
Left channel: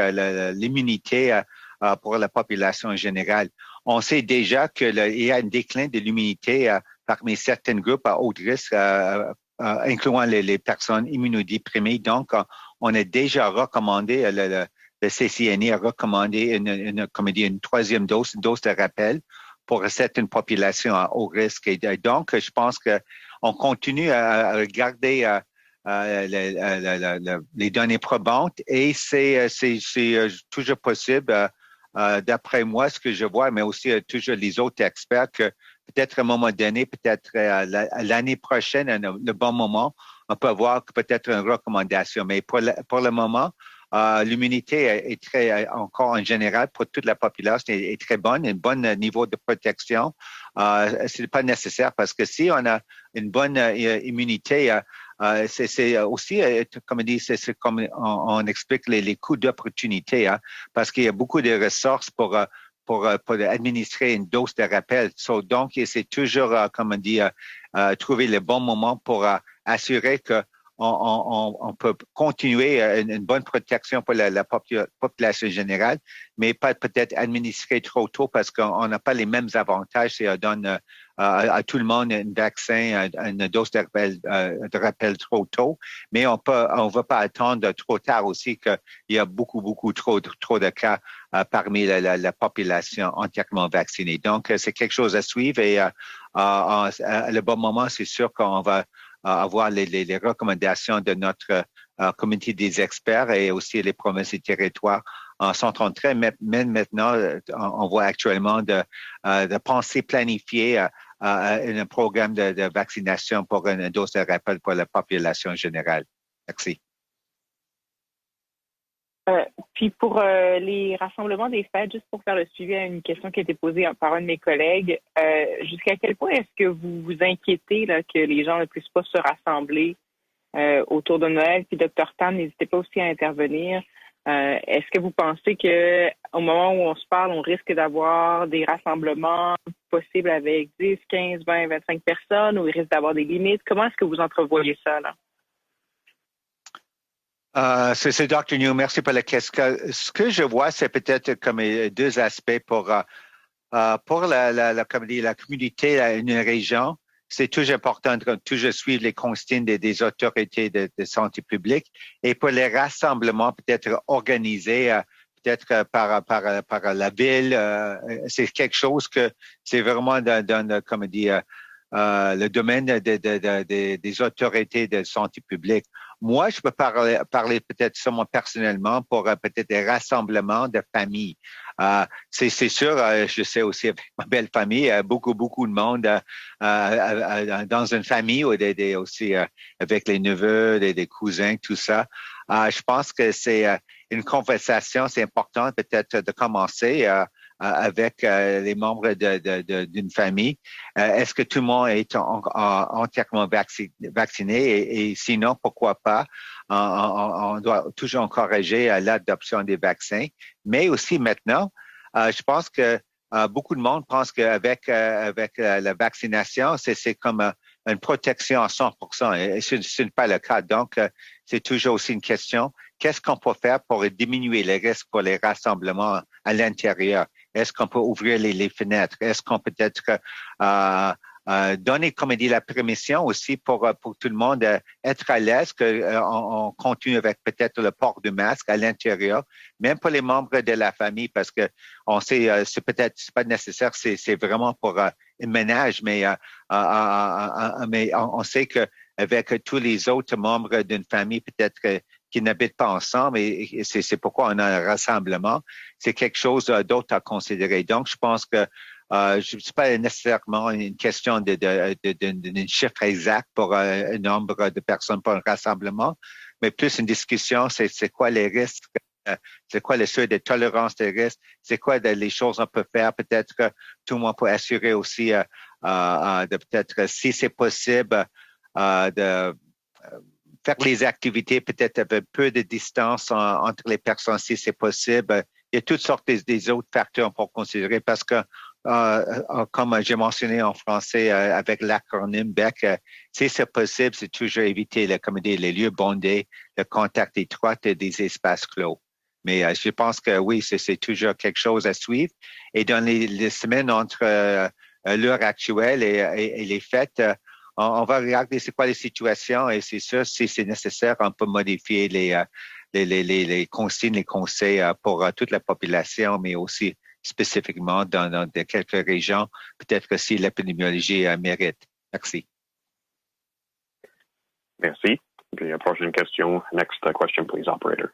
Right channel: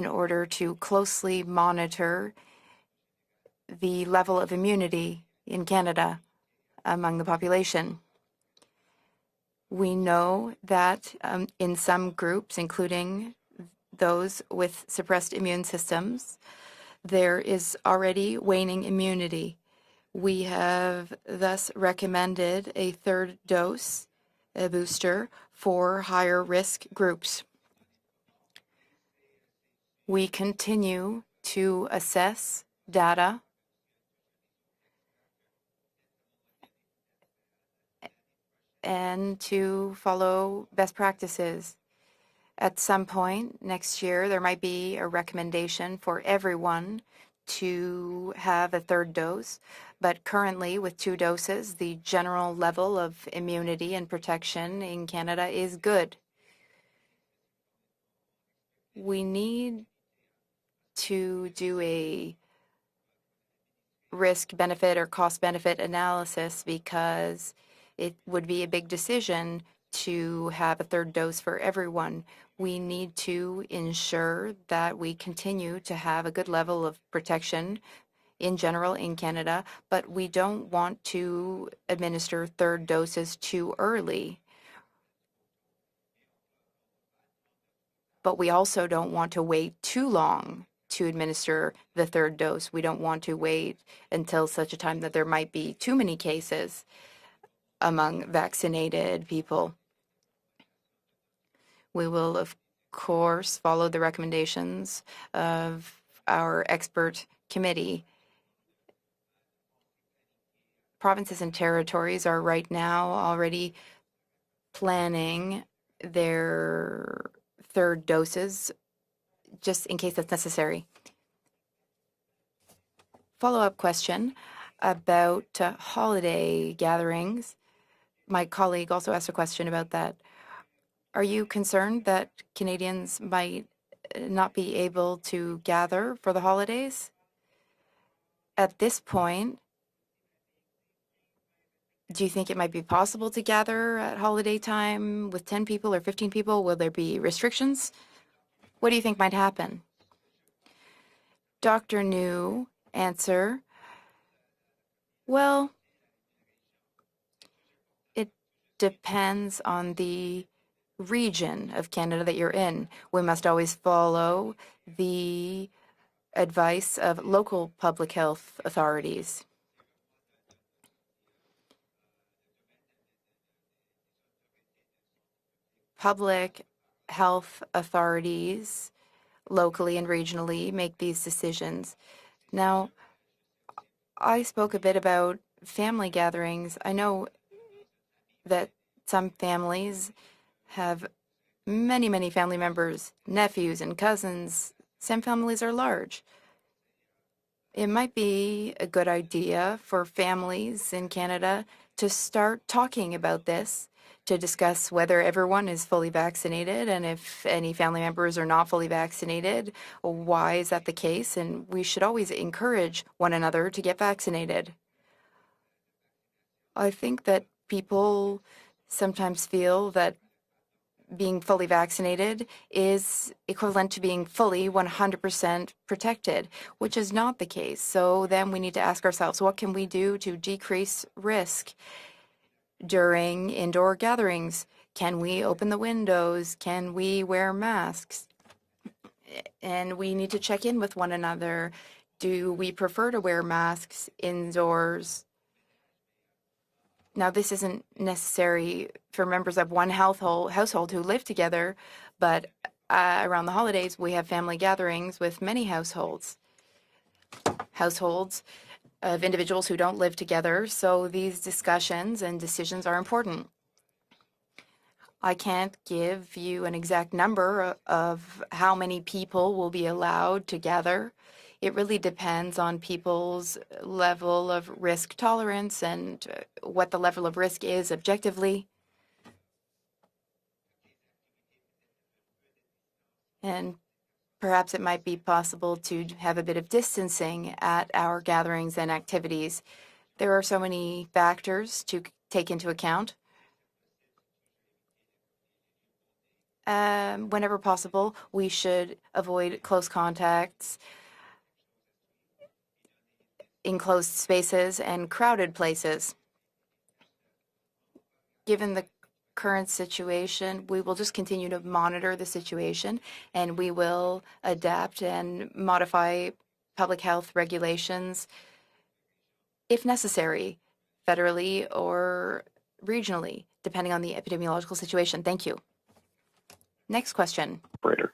l'immunité pour la population en général. On sait déjà qu'il y a un déclin de l'immunité parmi certains groupes à haut risque, incluant les personnes immunodéprimées. Donc, on a déjà recommandé, le CCNE a recommandé une troisième dose de rappel pour certaines populations à haut risque. Et donc, je pense qu'on continue à regarder les données probantes et c'est toujours possible, d'après moi, ce que je vois, mais aussi toujours les autres experts, que peut-être à un moment donné, peut-être l'année prochaine, le bon moment, on peut avoir peut-être une recommandation. Mais pour le moment, l'immunité est très, encore en général, pour toute la population, est très bonne, un bon niveau de protection. Ce n'est pas nécessaire parce que si on a une bonne immunité, c'est aussi, comme on dit, c'est comme on explique les coûts d'opportunité, parce qu'il y a beaucoup de ressources pour administrer une dose de rappel. Donc, c'est toujours, comme on dit, trouver le bon moment pour assurer qu'on peut continuer une bonne protection pour la population générale, mais pas peut-être administrer trop tôt parce qu'on n'a pas les mêmes avantages si on donne à tout le monde un vaccin, une dose de rappel trop tôt. Mais on ne va pas attendre trop tard aussi qu'il y a beaucoup trop de cas parmi la population entièrement vaccinée. Donc, c'est quelque chose à suivre et le bon moment, c'est sûr qu'on va avoir les recommandations de notre comité des experts et aussi les promesses et territoires sont en train. Mais maintenant, on voit actuellement de penser planifier un programme de vaccination pour une dose de rappel pour la population générale. Merci. Puis pour les rassemblements des fêtes, juste pour faire le suivi à une question qui a été posée par un de mes collègues, jusqu'à quel point est-ce que vous vous inquiétez que les gens ne puissent pas se rassembler autour de Noël? Puis Dr. Tam, n'hésitez pas aussi à intervenir. Est-ce que vous pensez qu'au moment où on se parle, on risque d'avoir des rassemblements possibles avec 10, 15, 20, 25 personnes, ou il risque d'avoir des limites? Comment est-ce que vous entrevoyez ça? C'est Dr. New, merci pour la question. Ce que je vois, c'est peut-être comme deux aspects pour la communauté, une région. C'est toujours important de toujours suivre les consignes des autorités de santé publique et pour les rassemblements peut-être organisés peut-être par la ville. C'est quelque chose que c'est vraiment dans comme dire, le domaine des autorités de santé publique. Moi, je peux parler peut-être seulement personnellement pour peut-être des rassemblements de familles. C'est sûr, je sais aussi avec ma belle famille, beaucoup de monde dans une famille ou aussi avec les neveux, des cousins, tout ça. Je pense que c'est une conversation, c'est important peut-être de commencer avec les membres d'une famille. Est-ce que tout le monde est entièrement vacciné? Et sinon, pourquoi pas? On doit toujours encourager l'adoption des vaccins. Mais aussi maintenant, je pense que beaucoup de monde pense qu'avec la vaccination, c'est comme une protection à 100%. Et ce n'est pas le cas. Donc, c'est toujours aussi une question. Qu'est-ce qu'on peut faire pour diminuer les risques pour les rassemblements à l'intérieur? Est-ce qu'on peut ouvrir les fenêtres? Est-ce qu'on peut peut-être donner, comme dit la permission aussi pour tout le monde être à l'aise, qu'on continue avec peut-être le port du masque à l'intérieur, même pour les membres de la famille, parce que on sait, c'est peut-être pas nécessaire, c'est vraiment pour un ménage, mais on sait qu'avec tous les autres membres d'une famille, peut-être qui n'habitent pas ensemble, et c'est pourquoi on a un rassemblement. C'est quelque chose d'autre à considérer. Donc, je pense que ce n'est pas nécessairement une question d'un chiffre exact pour un nombre de personnes pour un rassemblement, mais plus une discussion, c'est quoi les risques, c'est quoi le seuil de tolérance des risques, c'est quoi les choses qu'on peut faire. Peut-être que tout le monde peut assurer aussi de peut-être, si c'est possible, de faire les activités peut-être avec peu de distance entre les personnes, si c'est possible. Il y a toutes sortes des autres facteurs pour considérer parce que, comme j'ai mentionné en français avec l'acronyme BEC, si c'est possible, c'est toujours éviter les lieux bondés, le contact étroit et des espaces clos. Mais je pense que oui, c'est toujours quelque chose à suivre. Et dans les semaines entre l'heure actuelle et les fêtes, on va regarder c'est quoi les situations et c'est sûr, si c'est nécessaire, on peut modifier les consignes, les conseils pour toute la population, mais aussi spécifiquement dans quelques régions, peut-être que si l'épidémiologie mérite. Merci. Regionally, depending on the epidemiological situation. Thank you. Prochaine question. Next question, please, operator.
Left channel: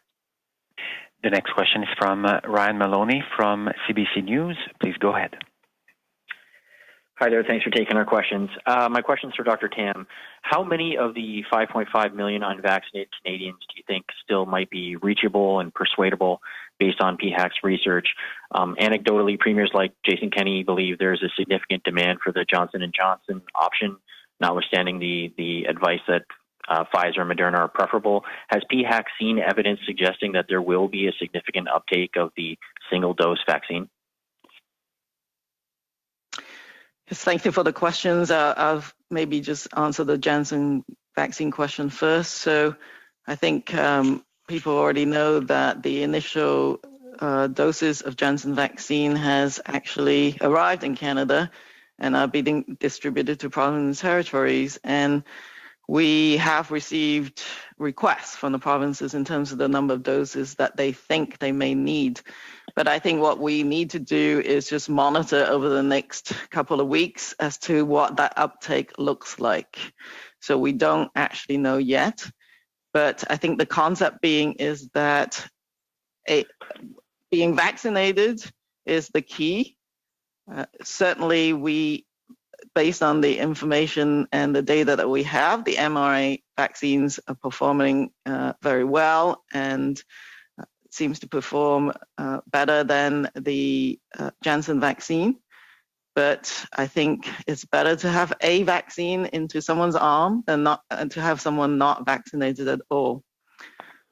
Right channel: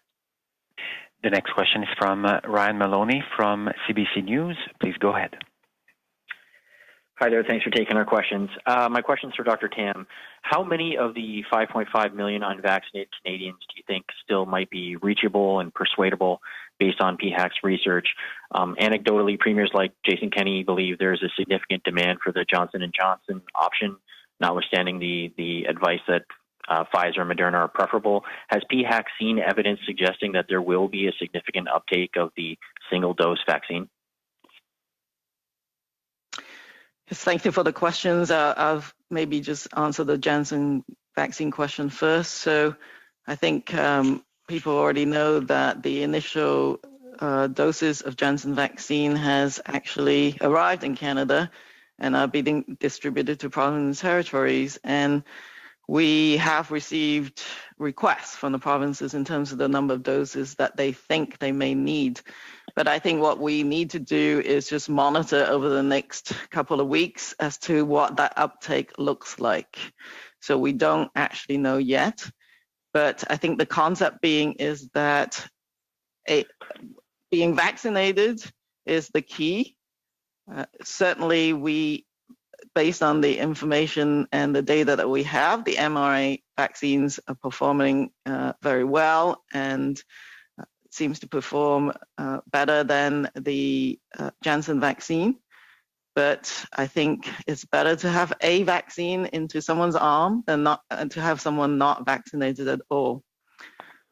The next question is from Ryan Maloney from CBC News. Please go ahead. Hi there. Thanks for taking our questions. My question is for Dr. Tam. How many of the 5.5 million unvaccinated Canadians do you think still might be reachable and persuadable based on PHAC's research? Anecdotally, premiers like Jason Kenney believe there is a significant demand for the Johnson & Johnson option, notwithstanding the advice that Pfizer and Moderna are preferable. Has PHAC seen evidence suggesting that there will be a significant uptake of the single-dose vaccine? Yes, thank you for the questions. I'll maybe just answer the Janssen vaccine question first. So I think people already know that the initial doses of Janssen vaccine has actually arrived in Canada and are being distributed to provinces and territories. And we have received requests from the provinces in terms of the number of doses that they think they may need. But I think what we need to do is just monitor over the next couple of weeks as to what that uptake looks like. So we don't actually know yet. But I think the concept being is that being vaccinated is the key. Certainly, based on the information and the data that we have, the mRNA vaccines are performing very well and seems to perform better than the Janssen vaccine. But I think it's better to have a vaccine into someone's arm than to have someone not vaccinated at all.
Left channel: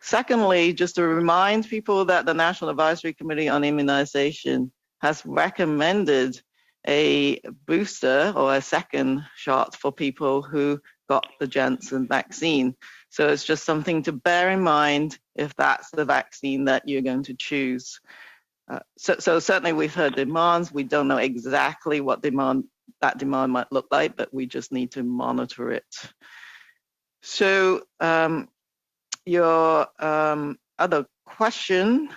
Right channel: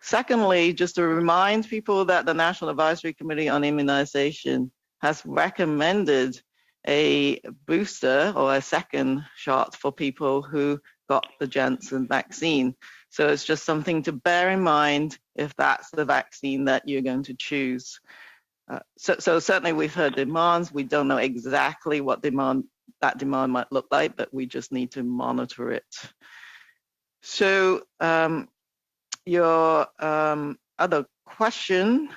Secondly, just to remind people that the National Advisory Committee on Immunization has recommended a booster or a second shot for people who got the Janssen vaccine. So it's just something to bear in mind if that's the vaccine that you're going to choose. So certainly we've heard demands. We don't know exactly what that demand might look like, but we just need to monitor it. So your other question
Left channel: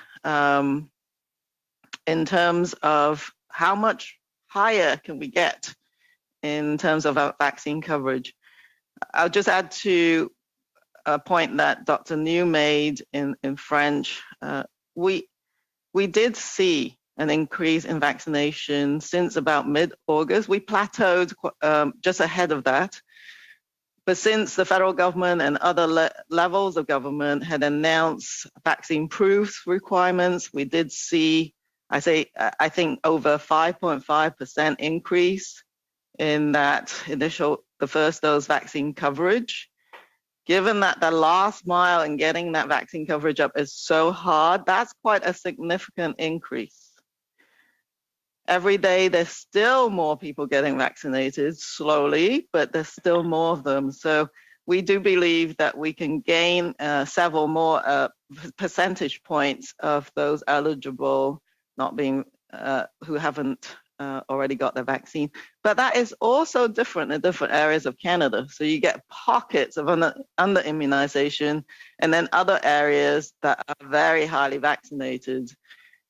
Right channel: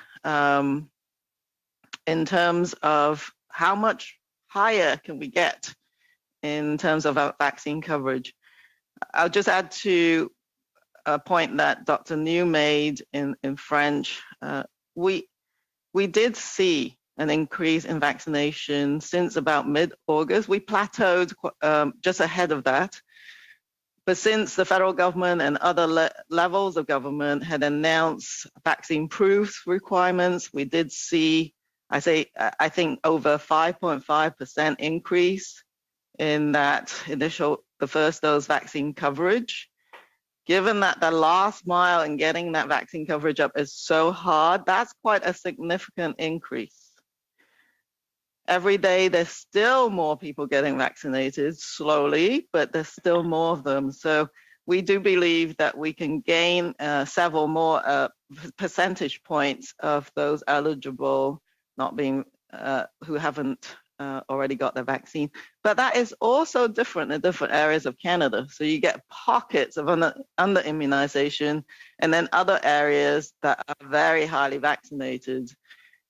in terms of how much higher can we get in terms of our vaccine coverage? I'll just add to a point that Dr. New made in French. We did see an increase in vaccination since about mid-August. We plateaued just ahead of that. But since the federal government and other levels of government had announced vaccine proof requirements, we did see, I think, over 5.5% increase in that the first dose vaccine coverage. Given that the last mile in getting that vaccine coverage up is so hard, that's quite a significant increase. Every day, there's still more people getting vaccinated slowly, but there's still more of them. So we do believe that we can gain several more percentage points of those eligible not being who haven't already got the vaccine. But that is also different in different areas of Canada. So you get pockets of under immunization, and then other areas that are very highly vaccinated.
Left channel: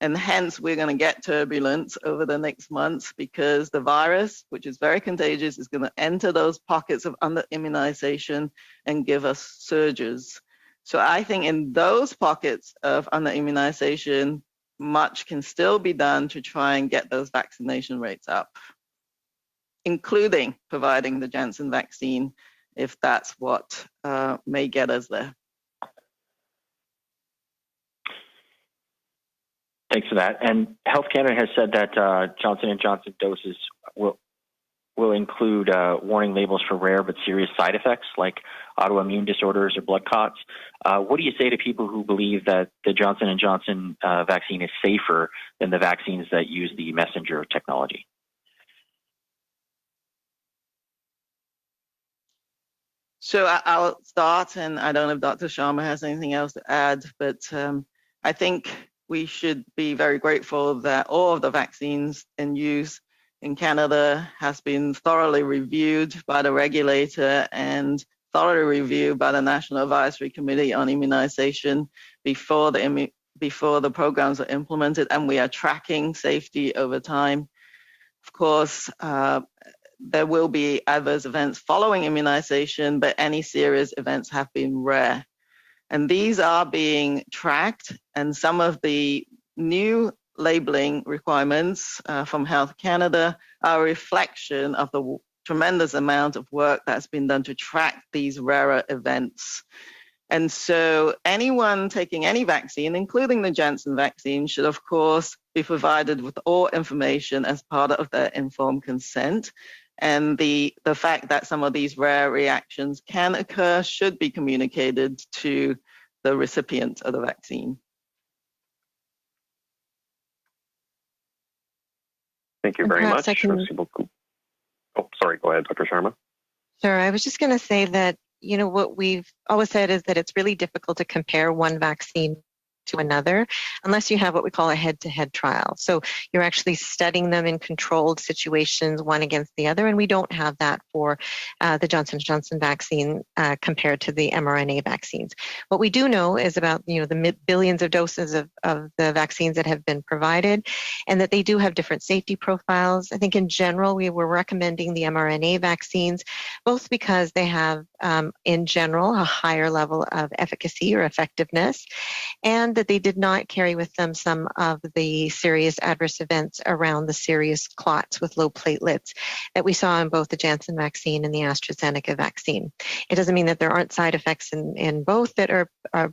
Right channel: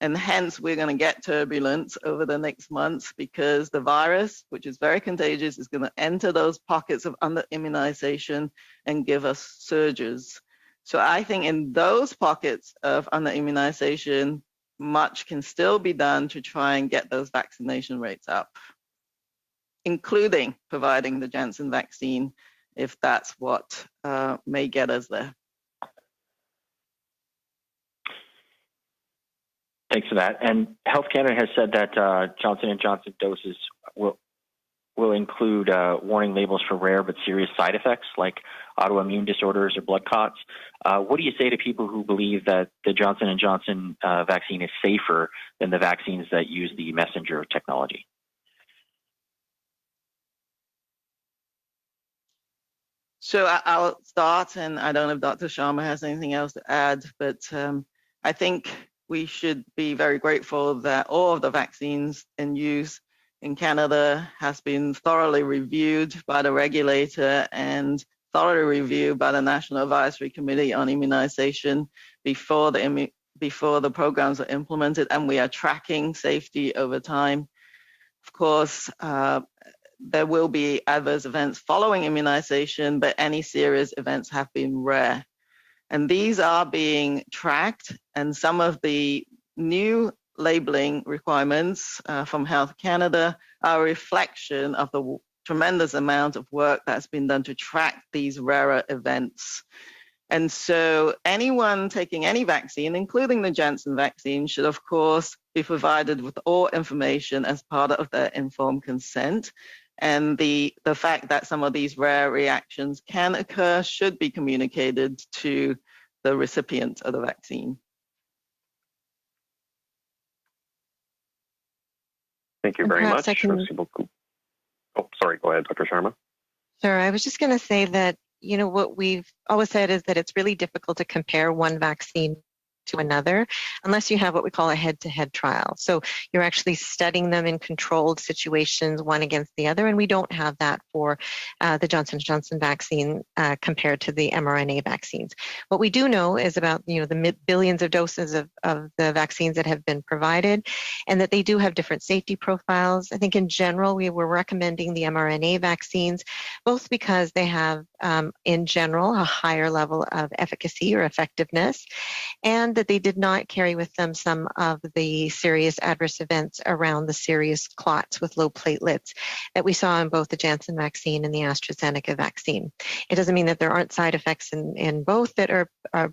And hence, we're going to get turbulence over the next months because the virus, which is very contagious, is going to enter those pockets of under immunization and give us surges. So I think in those pockets of under immunization, much can still be done to try and get those vaccination rates up, including providing the Janssen vaccine, if that's what may get us there. Thanks for that. And Health Canada has said that Johnson & Johnson doses will include warning labels for rare but serious side effects like autoimmune disorders or blood clots. What do you say to people who believe that the Johnson & Johnson vaccine is safer than the vaccines that use the messenger technology? So I'll start, and I don't know if Dr. Sharma has anything else to add, but I think we should be very grateful that all of the vaccines in use in Canada has been thoroughly reviewed by the regulator and thoroughly reviewed by the National Advisory Committee on Immunization before the programs are implemented, and we are tracking safety over time. Of course, there will be adverse events following immunization, but any serious events have been rare. And these are being tracked, and some of the new labeling requirements from Health Canada are a reflection of the tremendous amount of work that's been done to track these rarer events. And so anyone taking any vaccine, including the Janssen vaccine, should of course be provided with all information as part of their informed consent. And the fact that some of these rare reactions can occur should be communicated to the recipient of the vaccine. Thank you very much. Oh, sorry, go ahead, Dr. Sharma. Sure, I was just going to say that, you know, what we've always said is that it's really difficult to compare one vaccine to another unless you have what we call a head-to-head trial. So you're actually studying them in controlled situations, one against the other, and we don't have that for the Johnson & Johnson vaccine compared to the mRNA vaccines. What we do know is about, you know, the billions of doses of the vaccines that have been provided, and that they do have different safety profiles. I think in general, we were recommending the mRNA vaccines, both because they have, in general, a higher level of efficacy or effectiveness, and that they did not carry with them some of the serious adverse events around the serious clots with low platelets that we saw in both the Janssen vaccine and the AstraZeneca vaccine. It doesn't mean that there aren't side effects in both that are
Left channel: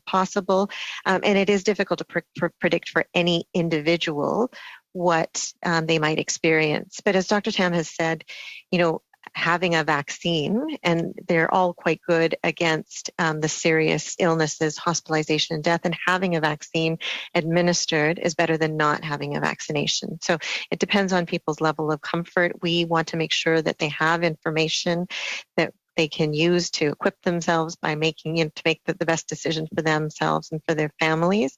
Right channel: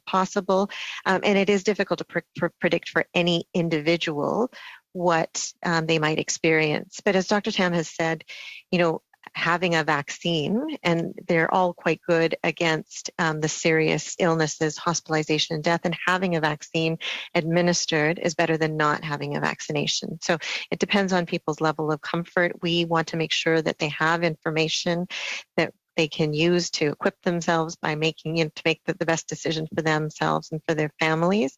possible, and it is difficult to predict for any individual what they might experience. But as Dr. Tam has said, you know, having a vaccine, and they're all quite good against the serious illnesses, hospitalization, and death, and having a vaccine administered is better than not having a vaccination. So it depends on people's level of comfort. We want to make sure that they have information that they can use to equip themselves by making, you know, to make the best decision for themselves and for their families.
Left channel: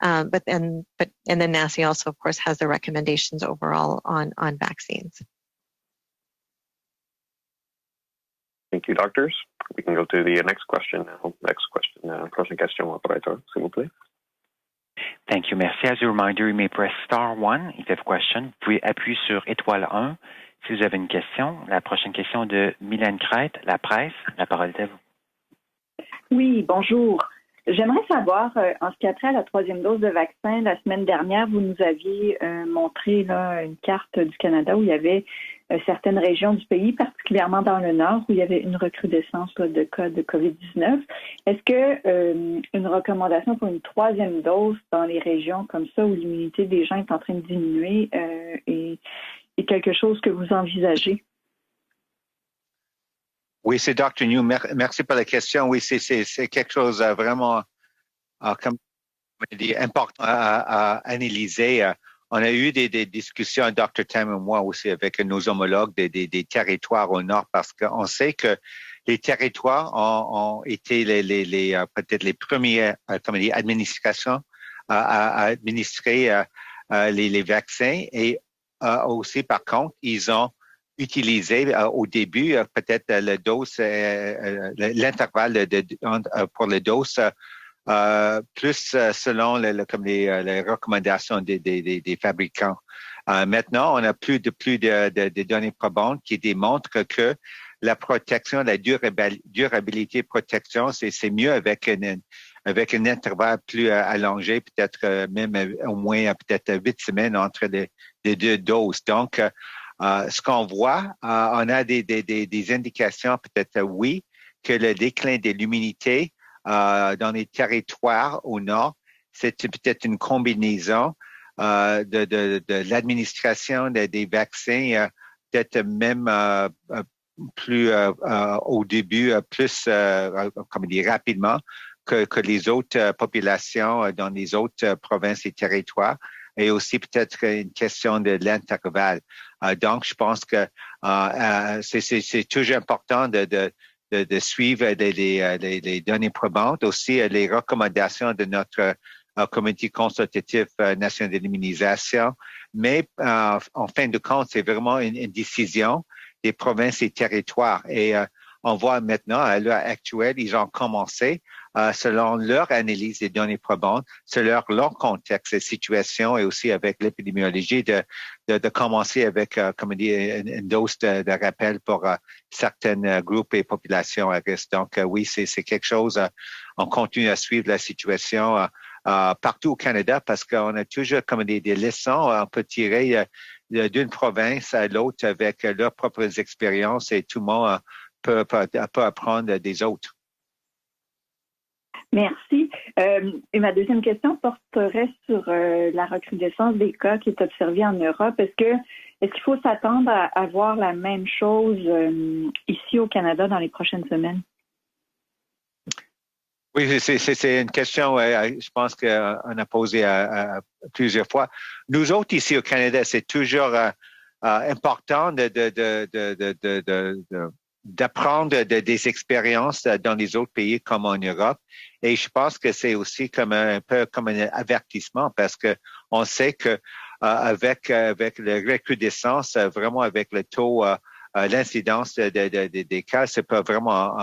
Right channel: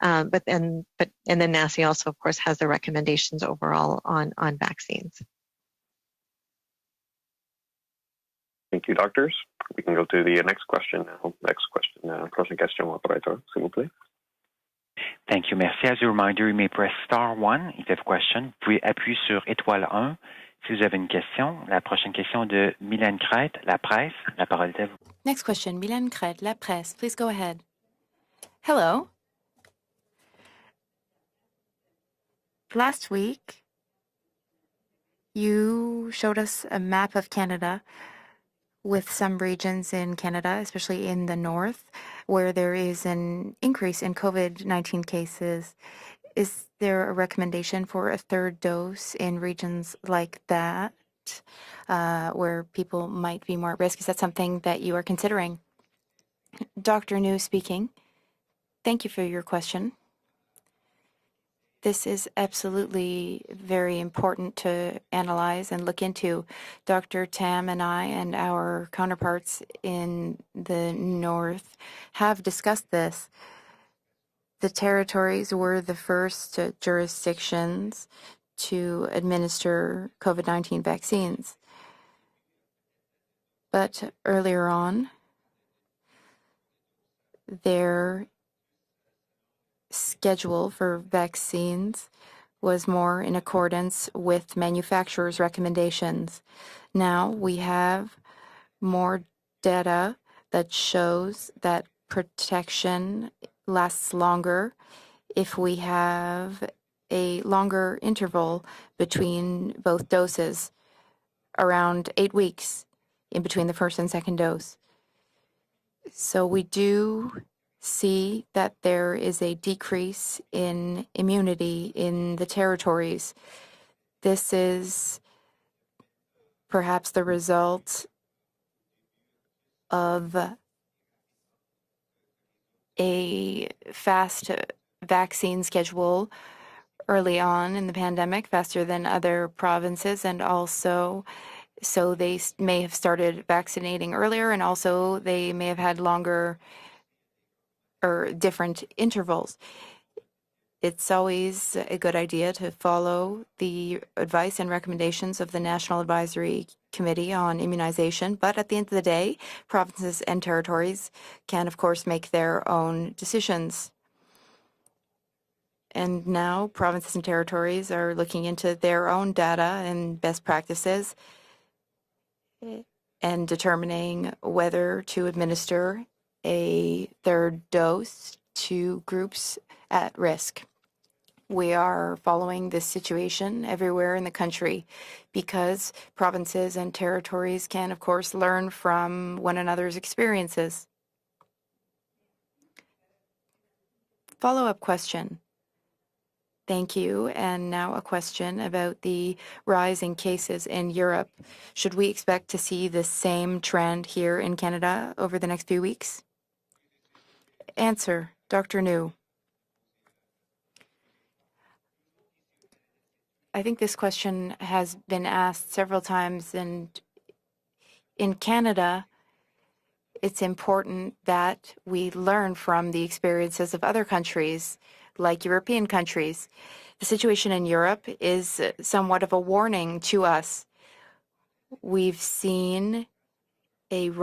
But then NACI also, of course, has the recommendations overall on vaccines. Thank you, doctors. We can go to the next question now. Prochaine question, operateur, s'il vous plaît. Thank you. Merci. As a reminder, you may press star 1 if you have a question. Vous pouvez appuyer sur étoile 1 si vous avez une question. La prochaine question de Mylène Crête, La Presse. La parole est à vous. Next question, Mylène Crête, oui, La Presse. Bonjour. Please go ahead. J'aimerais savoir, qu'après la 3e dose de vaccin, la semaine dernière, vous nous aviez montré une carte du Canada où il y avait certaines régions du pays, particulièrement dans le nord, où il y avait une recrudescence de cas de COVID-19. Est-ce qu'une recommandation pour une 3e dose dans les régions comme ça où l'immunité des gens est en train de diminuer est quelque chose que vous envisagez? Where people might be more Oui, c'est risk. Dr. New. Merci pour la question. Oui, c'est quelque chose vraiment comme Thank you for your il est question. important à analyser. On a eu des discussions, Dr. Tam et moi aussi, avec nos homologues des territoires au Nord, parce qu'on sait que les territoires ont été peut-être les premières administrations à administrer les vaccins et aussi, par contre, ils ont utilisé au début peut-être le dose, l'intervalle pour le dose plus selon les recommandations des fabricants. Maintenant, on n'a plus de données probantes qui démontrent que la protection, la durabilité protection, c'est mieux avec un intervalle plus allongé, peut-être même au moins peut-être 8 semaines entre les deux doses. Donc, ce qu'on voit, on a des indications, peut-être oui, que le déclin de l'immunité dans les territoires au nord, c'est peut-être une combinaison de l'administration des vaccins, peut-être même plus au début, plus comme dire, rapidement que les autres populations dans les autres provinces et territoires, et aussi peut-être une question de l'intervalle. Donc, je pense que c'est toujours important de suivre les données probantes, aussi les recommandations de notre comité consultatif national de l'immunisation. Mais en fin de compte, c'est vraiment une décision des provinces et territoires. Et on voit maintenant, à l'heure actuelle, ils ont commencé selon leur analyse des données probantes, selon leur contexte et situation, et aussi avec l'épidémiologie, de commencer avec comme une dose de rappel pour certains groupes et populations à risque. Donc oui, c'est quelque chose, on continue à suivre la situation partout au Canada, parce qu'on a toujours comme des leçons on peut tirer d'une province à l'autre avec leurs propres expériences, et tout le monde peut apprendre des autres. Merci. Et ma deuxième question porterait sur la recrudescence des cas qui est observée en Europe. Est-ce qu'il faut s'attendre à avoir la même chose ici au Canada dans les prochaines semaines? Oui, c'est une question, je pense qu'on a posé plusieurs fois. Nous autres, ici au Canada, c'est toujours important d'apprendre des expériences dans les autres pays comme en Europe. Et je pense que c'est aussi comme un peu comme un avertissement, parce qu'on sait que avec le recrudescence, vraiment avec le taux, l'incidence des cas, ça peut vraiment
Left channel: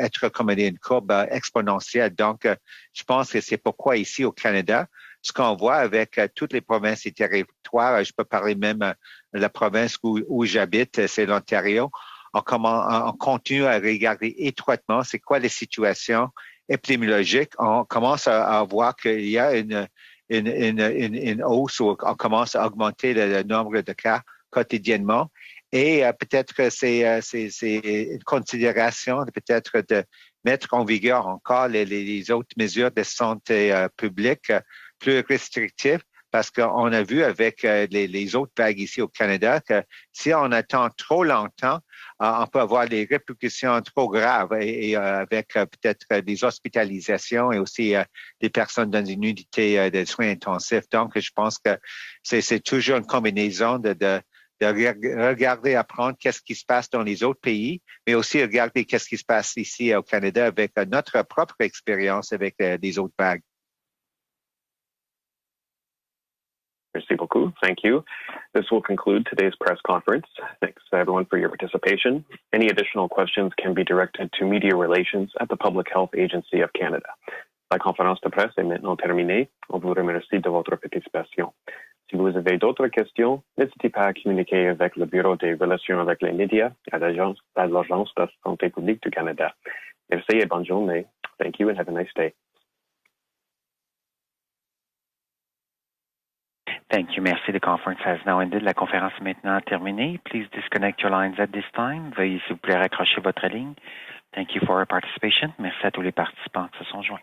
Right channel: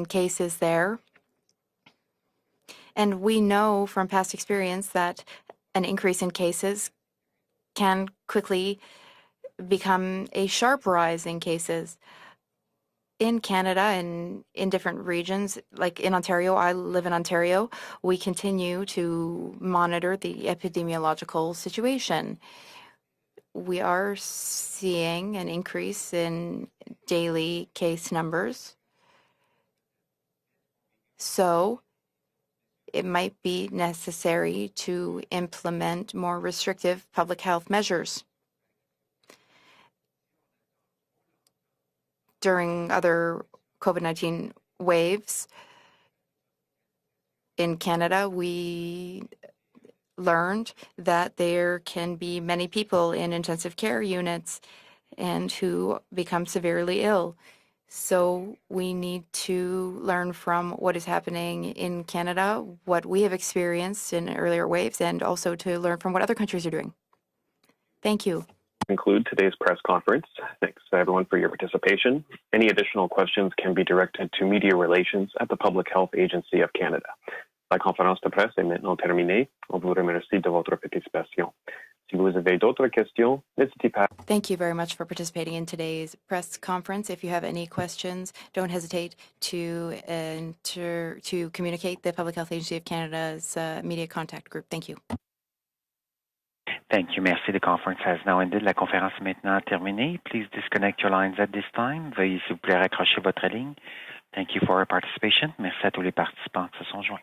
être comme une courbe exponentielle. Donc, je pense que c'est pourquoi ici au Canada, ce qu'on voit avec toutes les provinces et territoires, je peux parler même de la province où j'habite, c'est l'Ontario. On continue à regarder étroitement c'est quoi les situations épidémiologiques. On commence à voir qu'il y a une hausse, où on commence à augmenter le nombre de cas quotidiennement. Et peut-être que c'est une considération peut-être de mettre en vigueur encore les autres mesures de santé publique plus restrictives, parce qu'on a vu avec les autres vagues ici au Canada que si on attend trop longtemps, on peut avoir des répercussions trop graves, et avec peut-être des hospitalisations et aussi des personnes dans une unité de soins intensifs. Donc, je pense que c'est toujours une combinaison de regarder, apprendre qu'est-ce qui se passe dans les autres pays, mais aussi regarder qu'est-ce qui se passe ici au Canada avec notre propre expérience avec les autres vagues. Merci beaucoup. Thank you. This will conclude today's press conference. Thanks everyone for your participation. Any additional questions can be directed to Media Relations at the Public Health Agency of Canada. La conférence de presse est maintenant terminée. On vous remercie de votre participation. Si vous avez d'autres questions, n'hésitez pas à communiquer avec le Bureau des relations avec les médias à l'Agence de la santé publique du Canada. Merci et bonne journée. Thank you and have a nice day. Thank you. Merci. The conference has now ended. La conférence est maintenant terminée. Please disconnect your lines at this time. Veuillez, s'il vous plaît, raccrocher votre ligne. Thank you for your participation. Merci à tous les participants qui se sont joints.